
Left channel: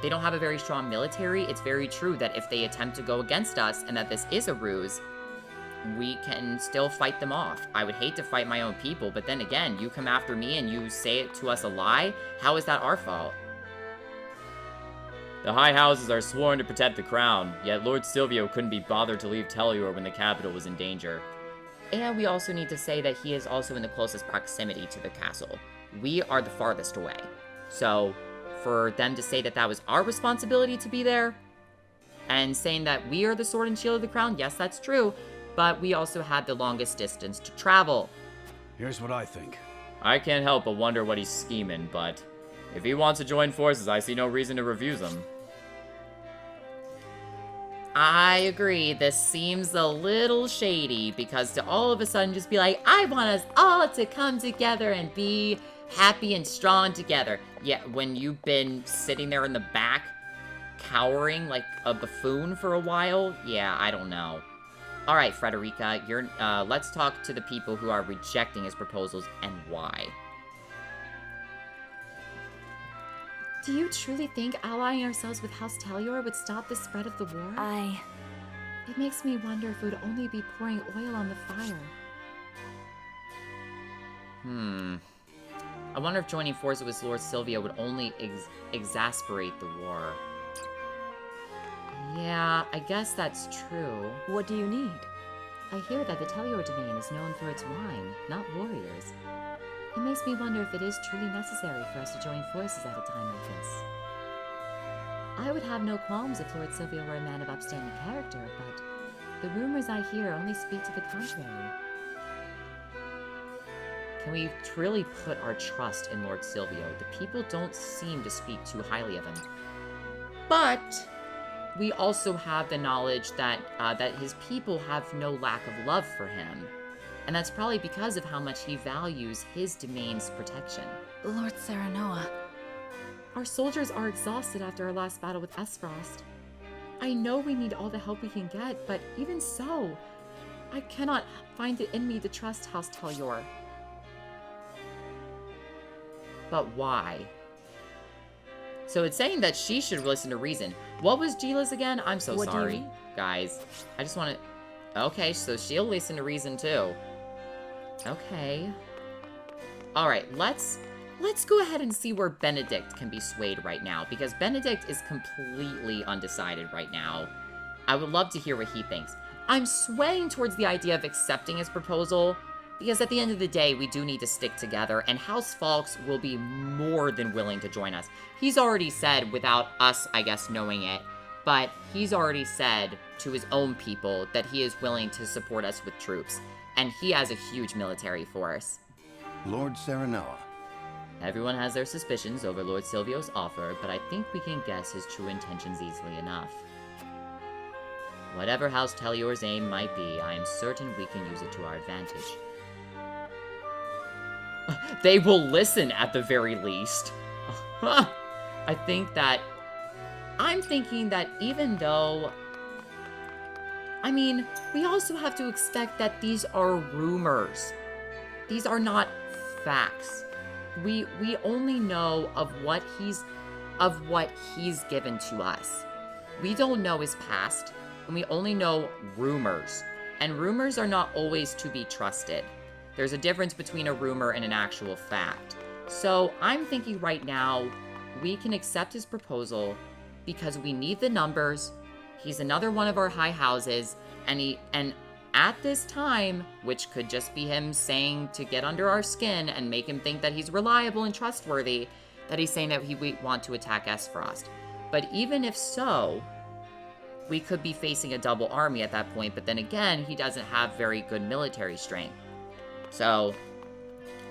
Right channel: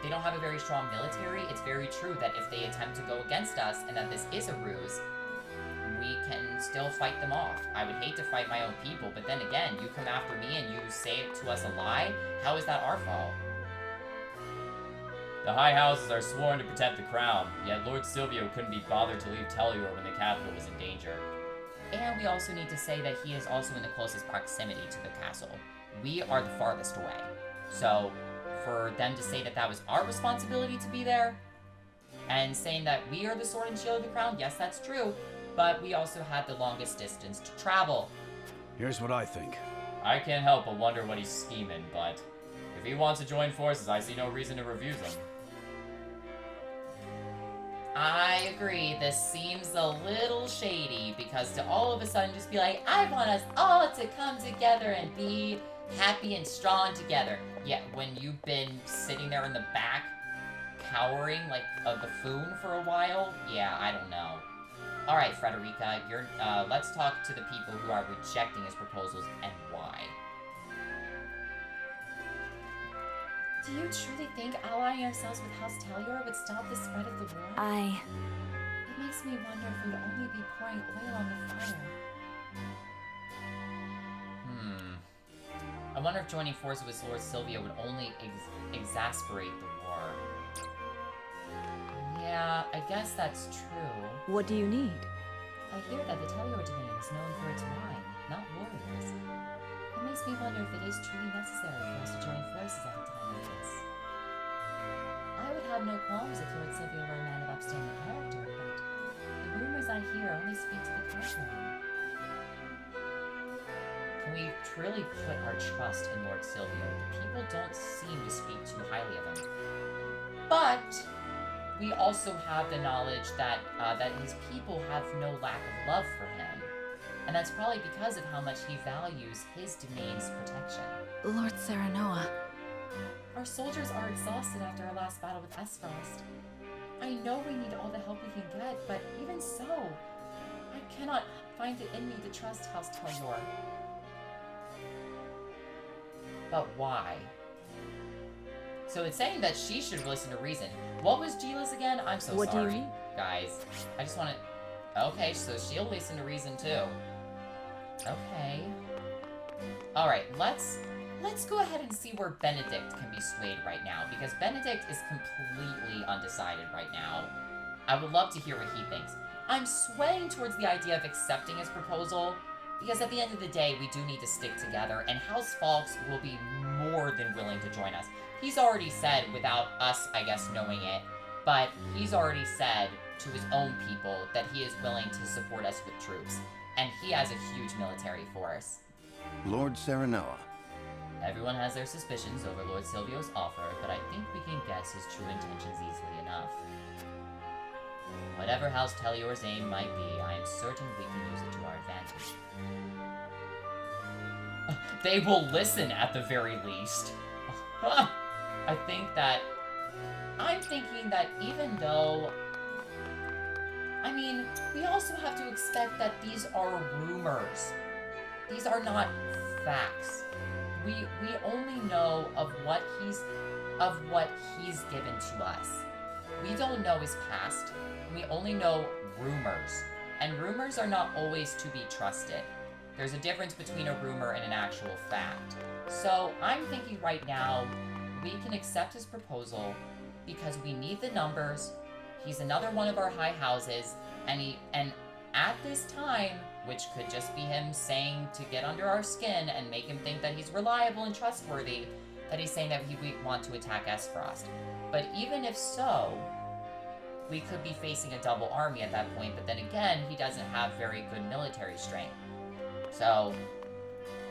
they don't have a very strong military. It's very true that if they attempt to go against us, and that this is a ruse, we can still fight them off. I would hate to fight my own people, but then again, you come after me and you say it to us a lie, how is that our fault? The high houses are sworn to protect the crown, yet Lord Silvio couldn't be bothered to leave Telyor when the capital was in danger. And we also need to say that he is also in the closest proximity to the castle. We are the farthest away. So, for them to say that that was our responsibility to be there, and saying that we are the sword and shield of the crown, yes, that's true, but we also had the longest distance to travel. Here's what I think. I can't help but wonder what he's scheming, but if he wants to join forces, I see no reason to refuse him. I agree, this seems a little shady, because to all of a sudden just be like, I want us all to come together and be happy and strong together. Yeah, when you've been sitting there in the back, cowering like a buffoon for a while, yeah, I don't know. Alright, Frederica, let's talk to the people who are rejecting his proposals and why. Do you truly think allying ourselves with House Telyor would stop the spread of the war? It makes me wonder if we'd only be pouring oil on the fire. I wonder if joining forces with Lord Silvio would only exasperate the war. Yeah, I guess that's true. What do you need? I hear that the Tellur Dominion is known for its wine, not warriors. It makes me wonder if it is truly necessary for us to join forces at a time like this. I would have no qualms if Lord Silvio were a man of upstanding character, but the rumors I hear only speak to the contrary. Can we truly put our trust in Lord Silvio? The people don't seem to speak too highly of him. But we also have the knowledge that that his people have no lack of love for him. And that's probably because of how much he values his domain's protection. Lord Serenoa. Our soldiers are exhausted after our last battle with Aesfrost. I know we need all the help we can get, but even so, I cannot find it in me to trust House Tellur. But why? So it's saying that she should listen to reason. What was Gila's again? I'm so What do you sorry, mean? guys. I just want to... Okay, so she'll listen to reason too. Okay. Alright, let's go ahead and see where Benedict can be swayed right now, because Benedict is completely undecided right now. I would love to hear what he thinks. I'm swaying towards the idea of accepting his proposal, because at the end of the day, we do need to stick together, and House Falks will be more than willing to join us. He's already said, without us, I guess, knowing it, but he's already said to his own people that he is willing to support us with troops, and he has a huge military force. Lord Serenoa. Everyone has their suspicions over Lord Silvio's offer, but I think we can guess his true intentions easily enough. Whatever House Tellur's aim might be, I am certain we can use it to our advantage. They will listen at the very least. I'm thinking that even though... I mean, we also have to expect that these are rumors. These are not facts. We only know of what he's given to us. We don't know his past, and we only know rumors. And rumors are not always to be trusted. There's a difference between a rumor and an actual fact. So I'm thinking right now, we can accept his proposal because we need the numbers. He's another one of our high houses, and at this time, which could just be him saying to get under our skin and make him think that he's reliable and trustworthy, that he's saying that he would want to attack Aesfrost. But even if so, we could be facing a double army at that point, but then again, he doesn't have very good military strength. So,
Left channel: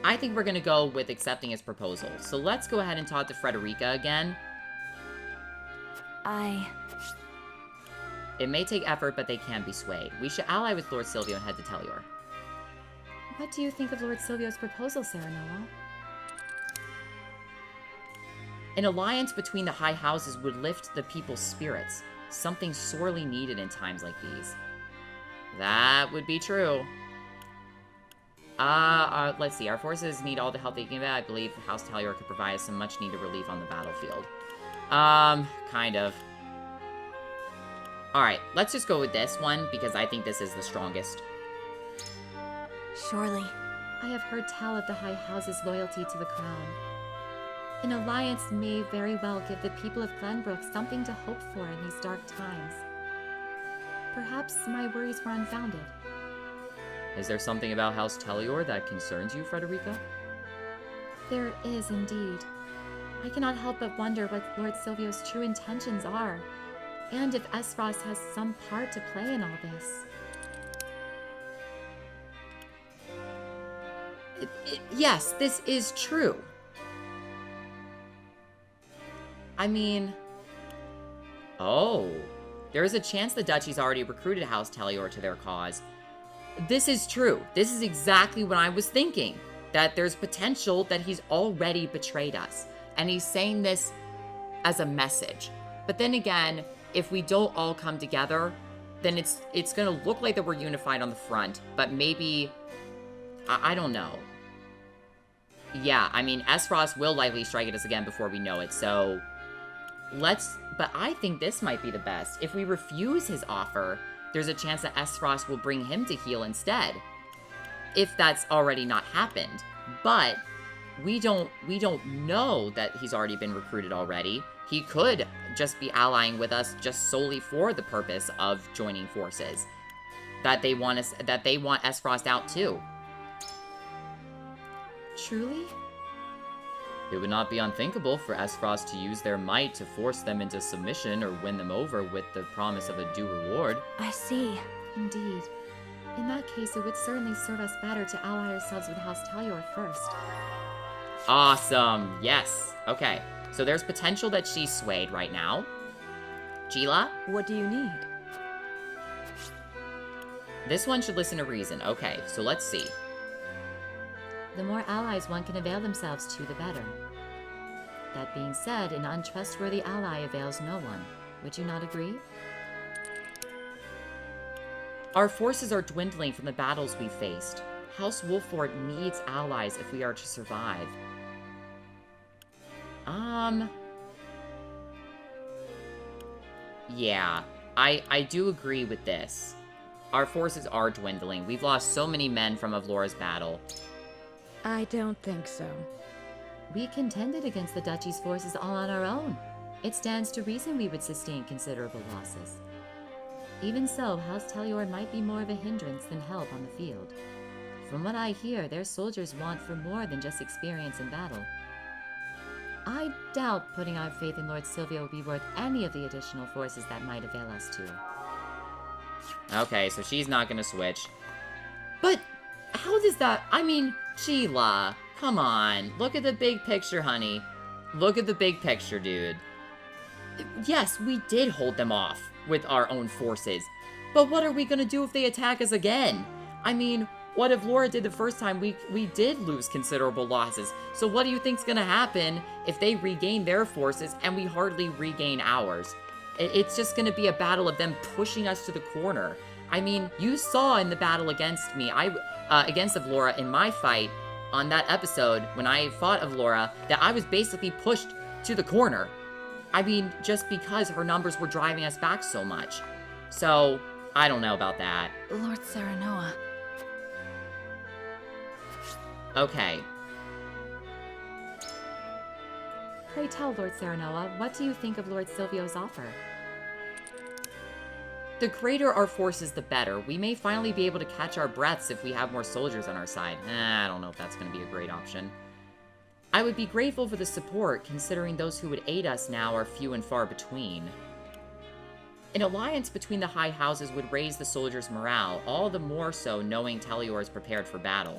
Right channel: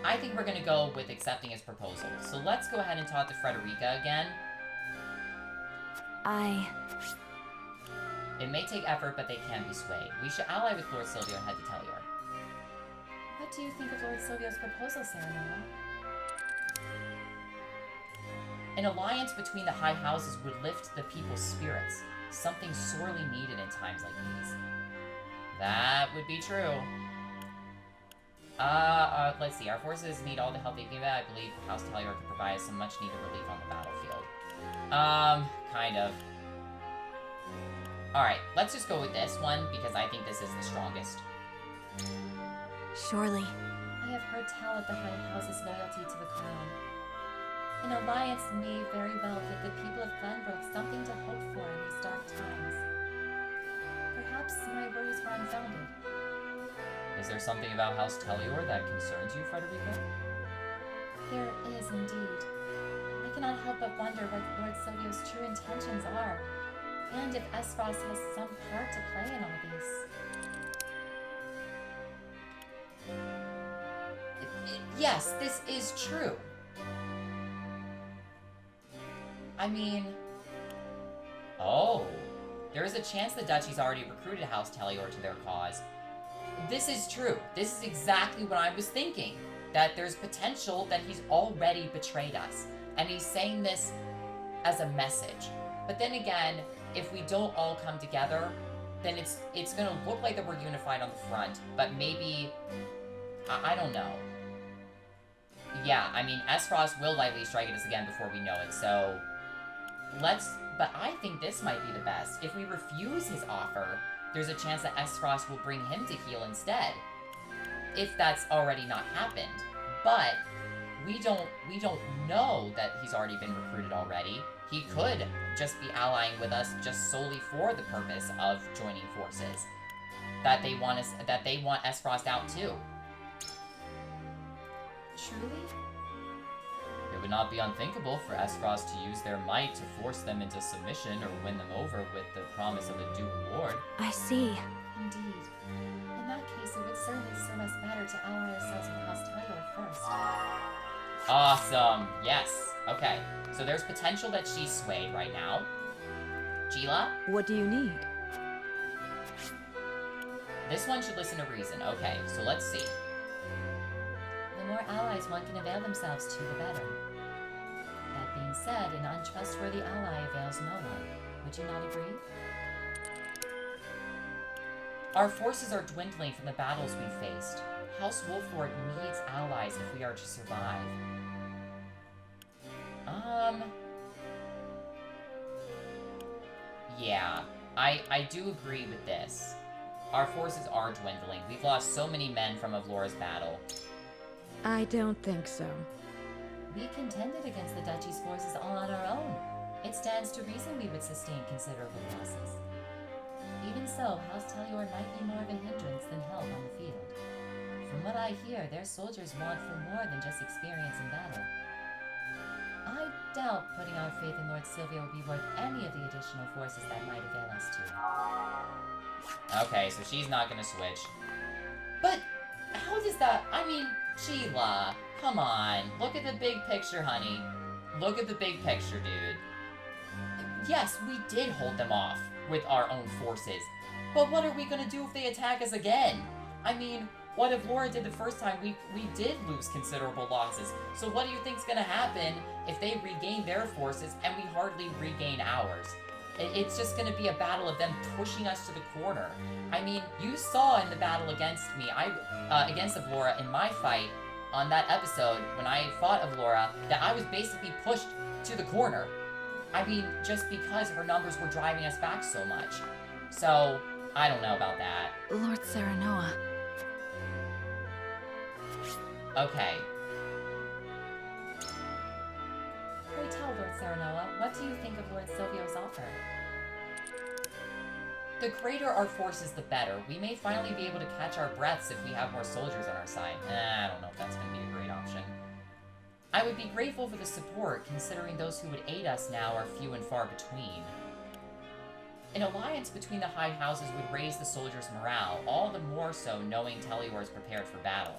I think we're gonna go with accepting his proposal. So let's go ahead and talk to Frederica again. It may take effort, but they can be swayed. We should ally with Lord Silvio and head to Tellur. What do you think of Lord Silvio's proposal, Serenoa? An alliance between the high houses would lift the people's spirits, something sorely needed in times like these. That would be true. Let's see. Our forces need all the help they can get. I believe House Tellur could provide some much-needed relief on the battlefield. Kind of. Alright, let's just go with this one, because I think this is the strongest. Surely. I have heard tell of the High House's loyalty to the crown. An alliance may very well give the people of Glenbrook something to hope for in these dark times. Perhaps my worries were unfounded. Is there something about House Tellur that concerns you, Frederica? There is indeed. I cannot help but wonder what Lord Silvio's true intentions are, and if Aesfrost has some part to play in all this. Yes, this is true. I mean... Oh. There is a chance the Duchy's already recruited House Tellur to their cause. This is true. This is exactly what I was thinking. That there's potential that he's already betrayed us. And he's saying this as a message. But then again, if we don't all come together, then it's gonna look like that we're unified on the front. But maybe... I don't know. Yeah, I mean, Aesfrost will likely strike at us again before we know it, so... But I think this might be the best. If we refuse his offer, there's a chance that Aesfrost will bring him to heel instead. If that's already not happened. But we don't know that he's already been recruited already. He could just be allying with us just solely for the purpose of joining forces. that they want Aesfrost out too. Truly? It would not be unthinkable for Aesfrost to use their might to force them into submission or win them over with the promise of a due reward. I see. Indeed. In that case, it would certainly serve us better to ally ourselves with House Talior first. Awesome. Yes. Okay. So there's potential that she's swayed right now. Gila? What do you need? This one should listen to reason. Okay, so let's see. The more allies one can avail themselves to, the better. That being said, an untrustworthy ally avails no one. Would you not agree? Our forces are dwindling from the battles we faced. House Wolford needs allies if we are to survive. Yeah, I do agree with this. Our forces are dwindling. We've lost so many men from Avlora's battle. I don't think so. We contended against the Duchy's forces all on our own. It stands to reason we would sustain considerable losses. Even so, House Talior might be more of a hindrance than help on the field. From what I hear, their soldiers want for more than just experience in battle. I doubt putting our faith in Lord Silvio will be worth any of the additional forces that might avail us to. Okay, so she's not gonna switch. But how does that... I mean, Sheila, come on. Look at the big picture, honey. Look at the big picture, dude. Yes, we did hold them off with our own forces. But what are we gonna do if they attack us again? I mean, what if Laura did the first time? We did lose considerable losses. So what do you think's gonna happen if they regain their forces and we hardly regain ours? It's just gonna be a battle of them pushing us to the corner. I mean, you saw in the battle against me, against Avlora in my fight on that episode when I fought Avlora, that I was basically pushed to the corner. I mean, just because her numbers were driving us back so much. So, I don't know about that. Lord Serenoa. Okay. Pray tell, Lord Serenoa, what do you think of Lord Silvio's offer? The greater our forces, the better. We may finally be able to catch our breaths if we have more soldiers on our side. I don't know if that's going to be a great option. I would be grateful for the support, considering those who would aid us now are few and far between. An alliance between the high houses would raise the soldiers' morale, all the more so knowing Talior is prepared for battle.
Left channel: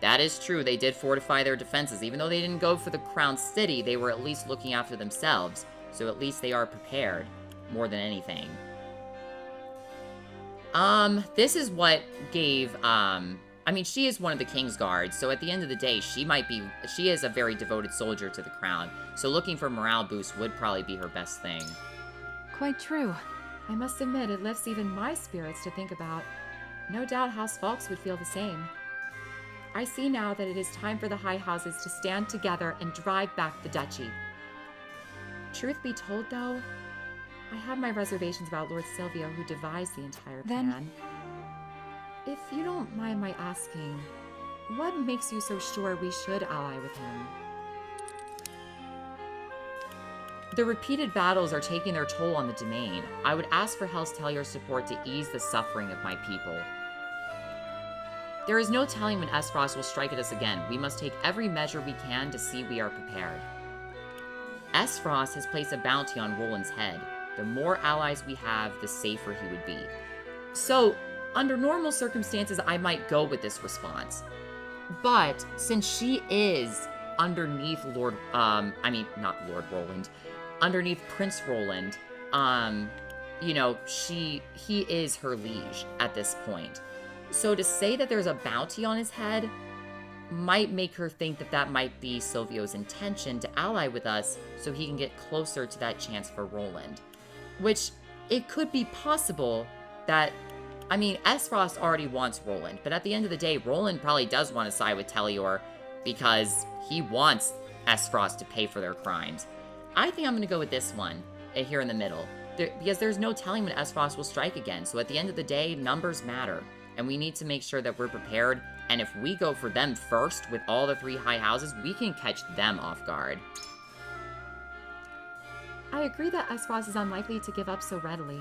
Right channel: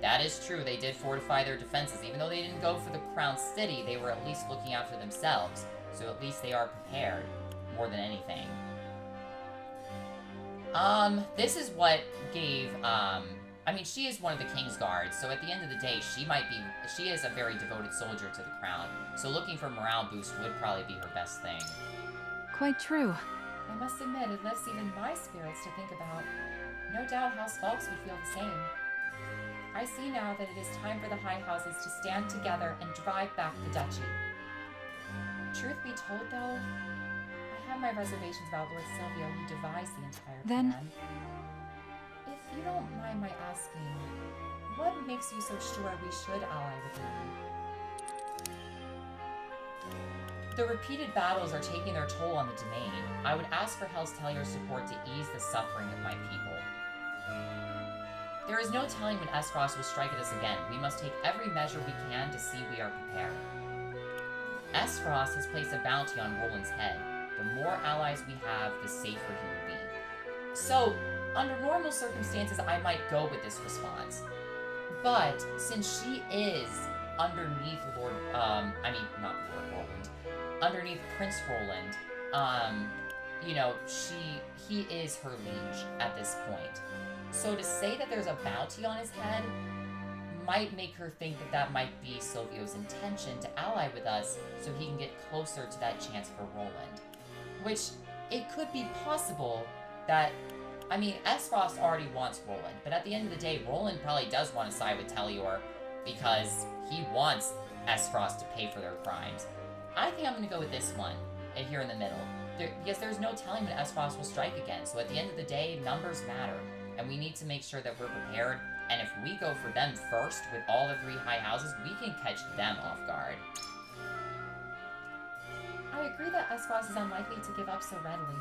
That is true, they did fortify their defenses. Even though they didn't go for the Crown City, they were at least looking after themselves, so at least they are prepared, more than anything. This is what gave, I mean, she is one of the King's Guards, so at the end of the day, she is a very devoted soldier to the crown, so looking for morale boost would probably be her best thing. Quite true. I must admit, it lifts even my spirits to think about. No doubt House Fawkes would feel the same. I see now that it is time for the high houses to stand together and drive back the duchy. Truth be told, though, I have my reservations about Lord Silvio, who devised the entire plan. If you don't mind my asking, what makes you so sure we should ally with him? The repeated battles are taking their toll on the domain. I would ask for House Talior's support to ease the suffering of my people. There is no telling when Aesfrost will strike at us again. We must take every measure we can to see we are prepared. Aesfrost has placed a bounty on Roland's head. The more allies we have, the safer he would be. So, under normal circumstances, I might go with this response. But, since she is underneath not Lord Roland, underneath Prince Roland, you know, he is her liege at this point. So to say that there's a bounty on his head might make her think that that might be Silvio's intention to ally with us so he can get closer to that chance for Roland. Which, it could be possible that, I mean, Aesfrost already wants Roland, but at the end of the day, Roland probably does want to side with Talior because he wants Aesfrost to pay for their crimes. I think I'm going to go with this one, here in the middle, because there's no telling when Aesfrost will strike again, so at the end of the day, numbers matter. And we need to make sure that we're prepared, and if we go for them first with all the three high houses, we can catch them off guard. I agree that Aesfrost is unlikely to give up so readily.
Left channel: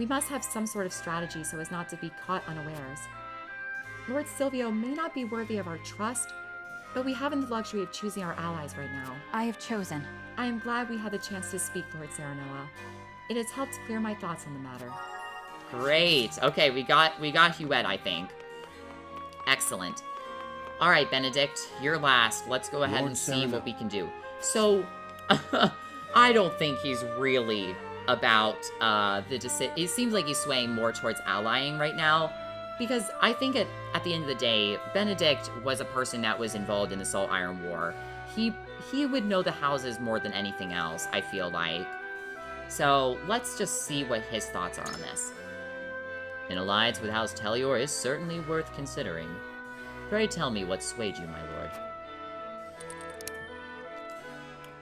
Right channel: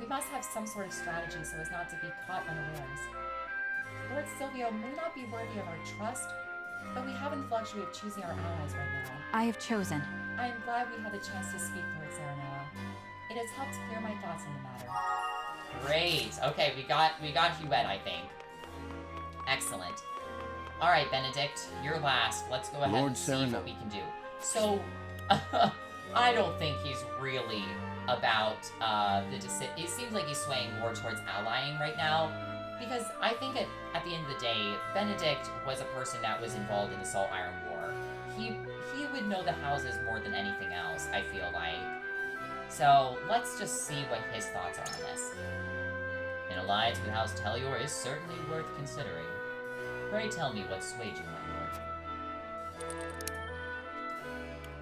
We must have some sort of strategy so as not to be caught unawares. Lord Silvio may not be worthy of our trust, but we haven't the luxury of choosing our allies right now. I have chosen. I am glad we had the chance to speak, Lord Serenoa. It has helped clear my thoughts on the matter. Great. Okay, we got Huette, I think. Excellent. All right, Benedict, you're last. Let's go ahead and see what we can do. So, I don't think he's really about the decision. It seems like he's swaying more towards allying right now, because I think at the end of the day, Benedict was a person that was involved in the Salt Iron War. He would know the houses more than anything else, I feel like. So let's just see what his thoughts are on this. An alliance with House Telior is certainly worth considering. Pray tell me what swayed you, my lord.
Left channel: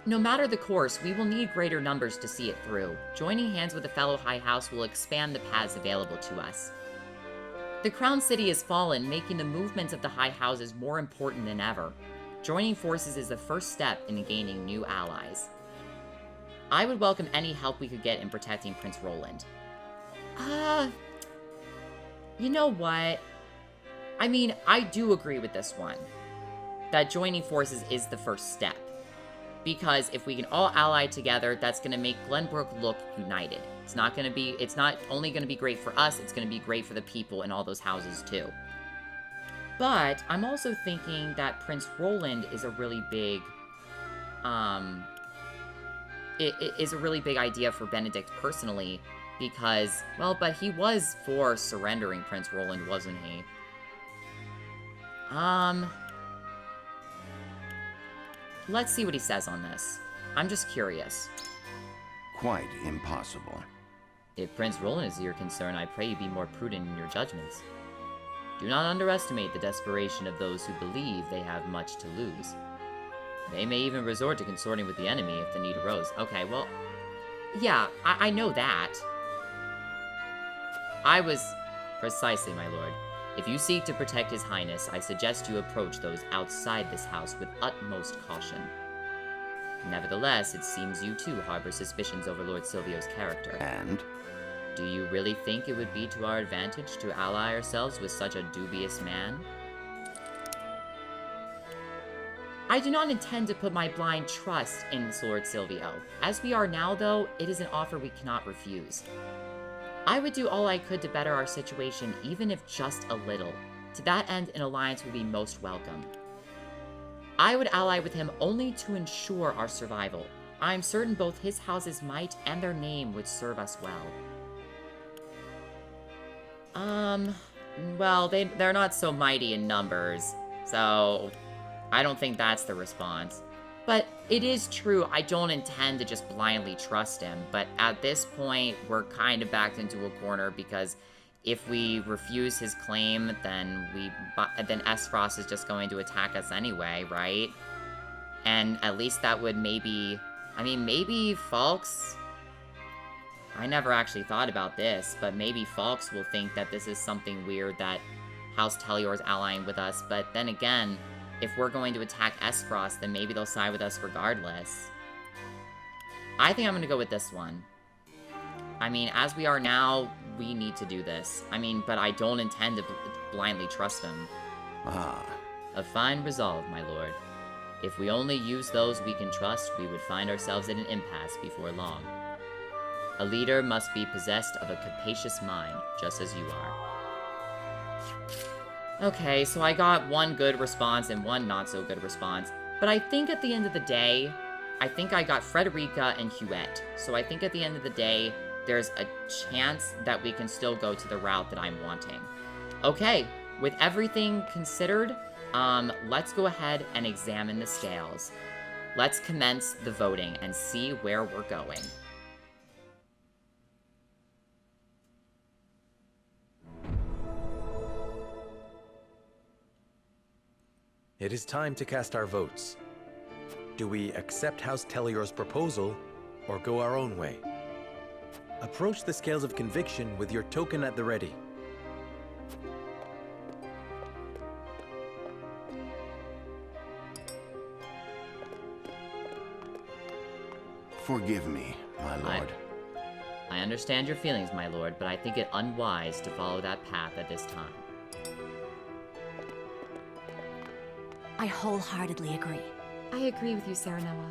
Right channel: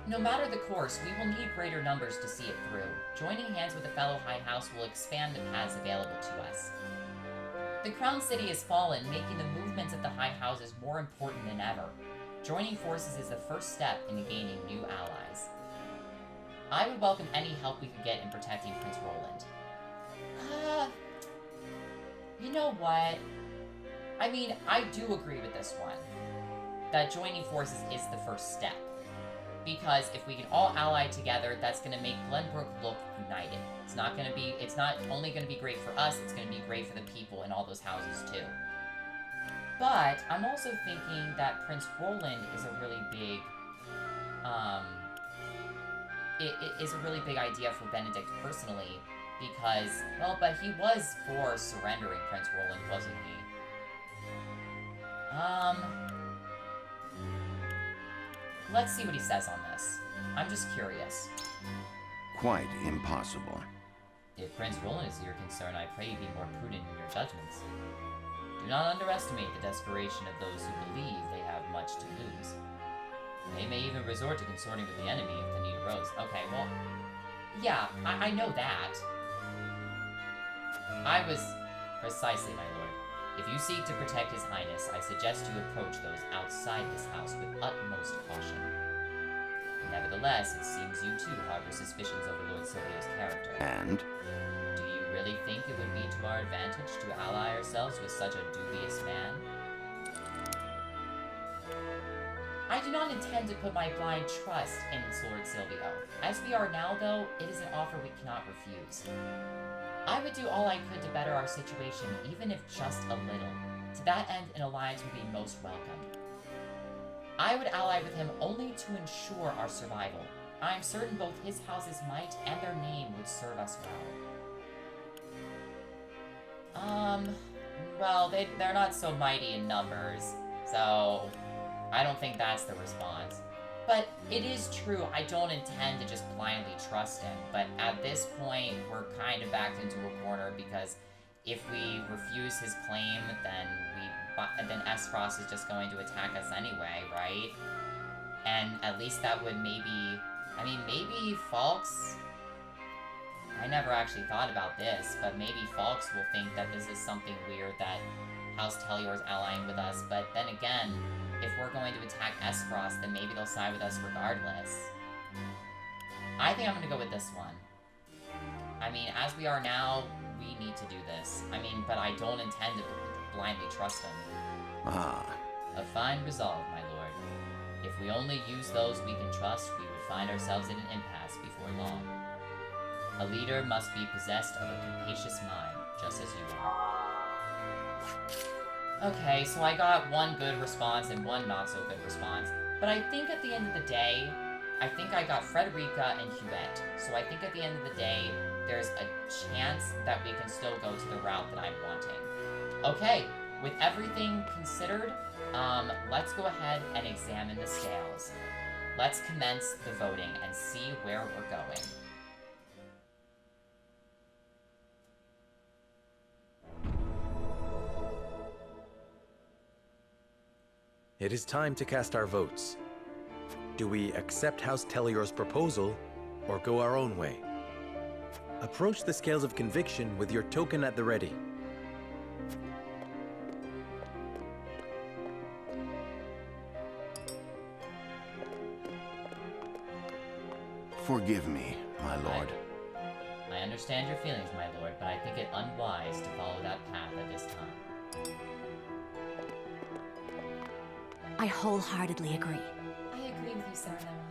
No matter the course, we will need greater numbers to see it through. Joining hands with a fellow High House will expand the paths available to us. The Crown City has fallen, making the movements of the High Houses more important than ever. Joining forces is the first step in gaining new allies. I would welcome any help we could get in protecting Prince Roland. You know what? I mean, I do agree with this one. That joining forces is the first step. Because if we can all ally together, that's going to make Glenbrook look united. It's not only going to be great for us, it's going to be great for the people in all those houses too. But I'm also thinking that Prince Roland is a really big, it is a really big idea for Benedict personally, because, well, but he was for surrendering Prince Roland, wasn't he? Let's see what he says on this. I'm just curious. Quite impossible. If Prince Roland is your concern, I pray you be more prudent in your judgments. Do not underestimate the desperation of those who believe they have much to lose. They may even resort to consorting with the enemy if the need arose. Okay, well, yeah, I know that. I was... Precisely, my lord. If you seek to protect His Highness, I suggest you approach those outside this house with utmost caution. Nevertheless, it seems you too harbor suspicions over Lord Silvio's character. And? Do you really think it would be to our advantage to ally ourselves with such a dubious man? I do not intend to put my blind trust in Lord Silvio. As we are now, though, it is an offer we cannot refuse. I would do all I could to better our situation, even if just a little. To that end, an alliance would be most welcome. I would ally with him only to ensure our survival. I am certain both his house's might and their name would serve us well. Well, they're not so mighty in numbers, so I don't think that's the response. But it is true, I don't intend to just blindly trust him, but at this point, we're kind of backed into a corner because if we refuse his claim, then Aesfrost is just going to attack us anyway, right? And at least that would maybe Falks... I never actually thought about this, but maybe Falks will think that this is something weird that House Telior is allying with us, but then again, if we're going to attack Aesfrost, then maybe they'll side with us regardless. I think I'm gonna go with this one. I mean, as we are now, we need to do this. I mean, but I don't intend to blindly trust them. Ah. A fine resolve, my lord. If we only use those we can trust, we would find ourselves in an impasse before long. A leader must be possessed of a capacious mind, just as you are. Okay, so I got one good response and one not-so-good response. But I think at the end of the day, I think I got Frederica and Huette. So I think at the end of the day, there's a chance that we can still go to the route that I'm wanting. Okay, with everything considered, let's go ahead and examine the scales. Let's commence the voting and see where we're going. It is time to cast our votes. Do we accept House Telior's proposal, or go our own way? Approach the scales of conviction with your token at the ready. Forgive me, my lord. I understand your feelings, my lord, but I think it unwise to follow that path at this time. I wholeheartedly agree. I agree with you, Serenoa.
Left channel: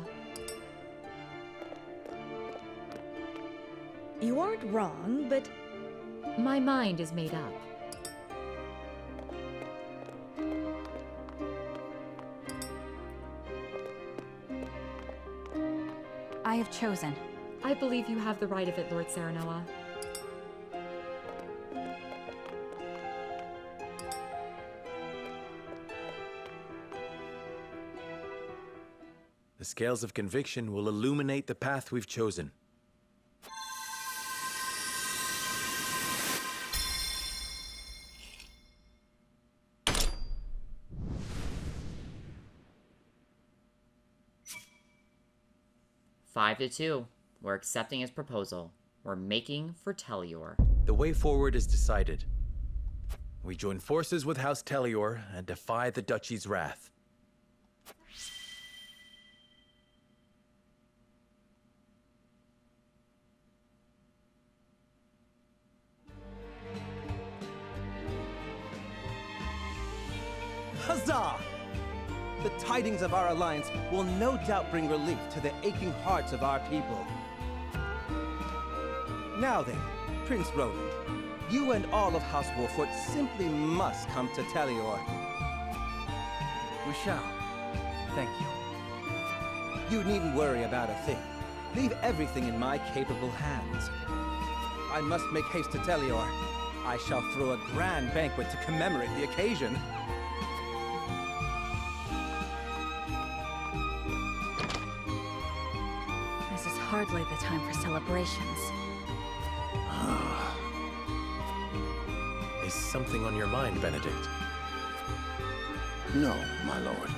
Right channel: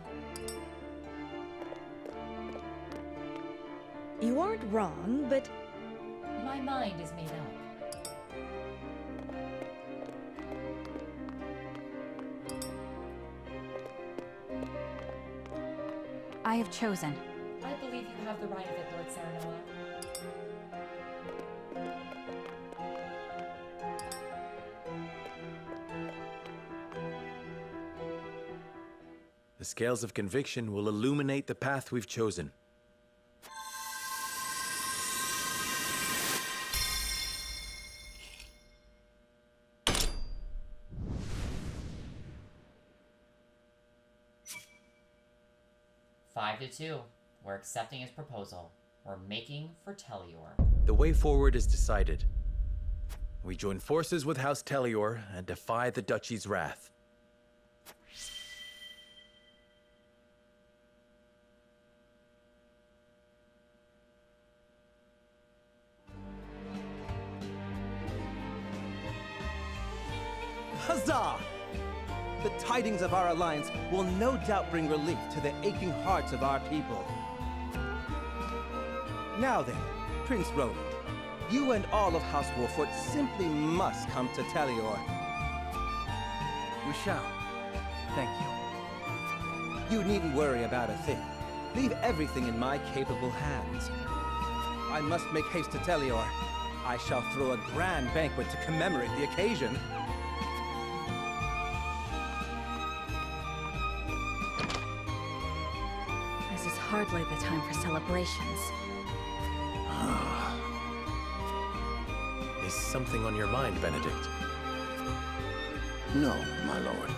You aren't wrong, but My mind is made up. I have chosen. I believe you have the right of it, Lord Serenoa. The scales of conviction will illuminate the path we've chosen. Five to 2. We're accepting his proposal. We're making for Telior. The way forward is decided. We join forces with House Telior and defy the Duchy's wrath. Huzzah! The tidings of our alliance will no doubt bring relief to the aching hearts of our people. Now then, Prince Roland, you and all of House Wolfwood simply must come to Telior. We shall. Thank you. You needn't worry about a thing. Leave everything in my capable hands. I must make haste to Telior. I shall throw a grand banquet to commemorate the occasion. This is hardly the time for celebrations. Is something on your mind, Benedict? No, my lord.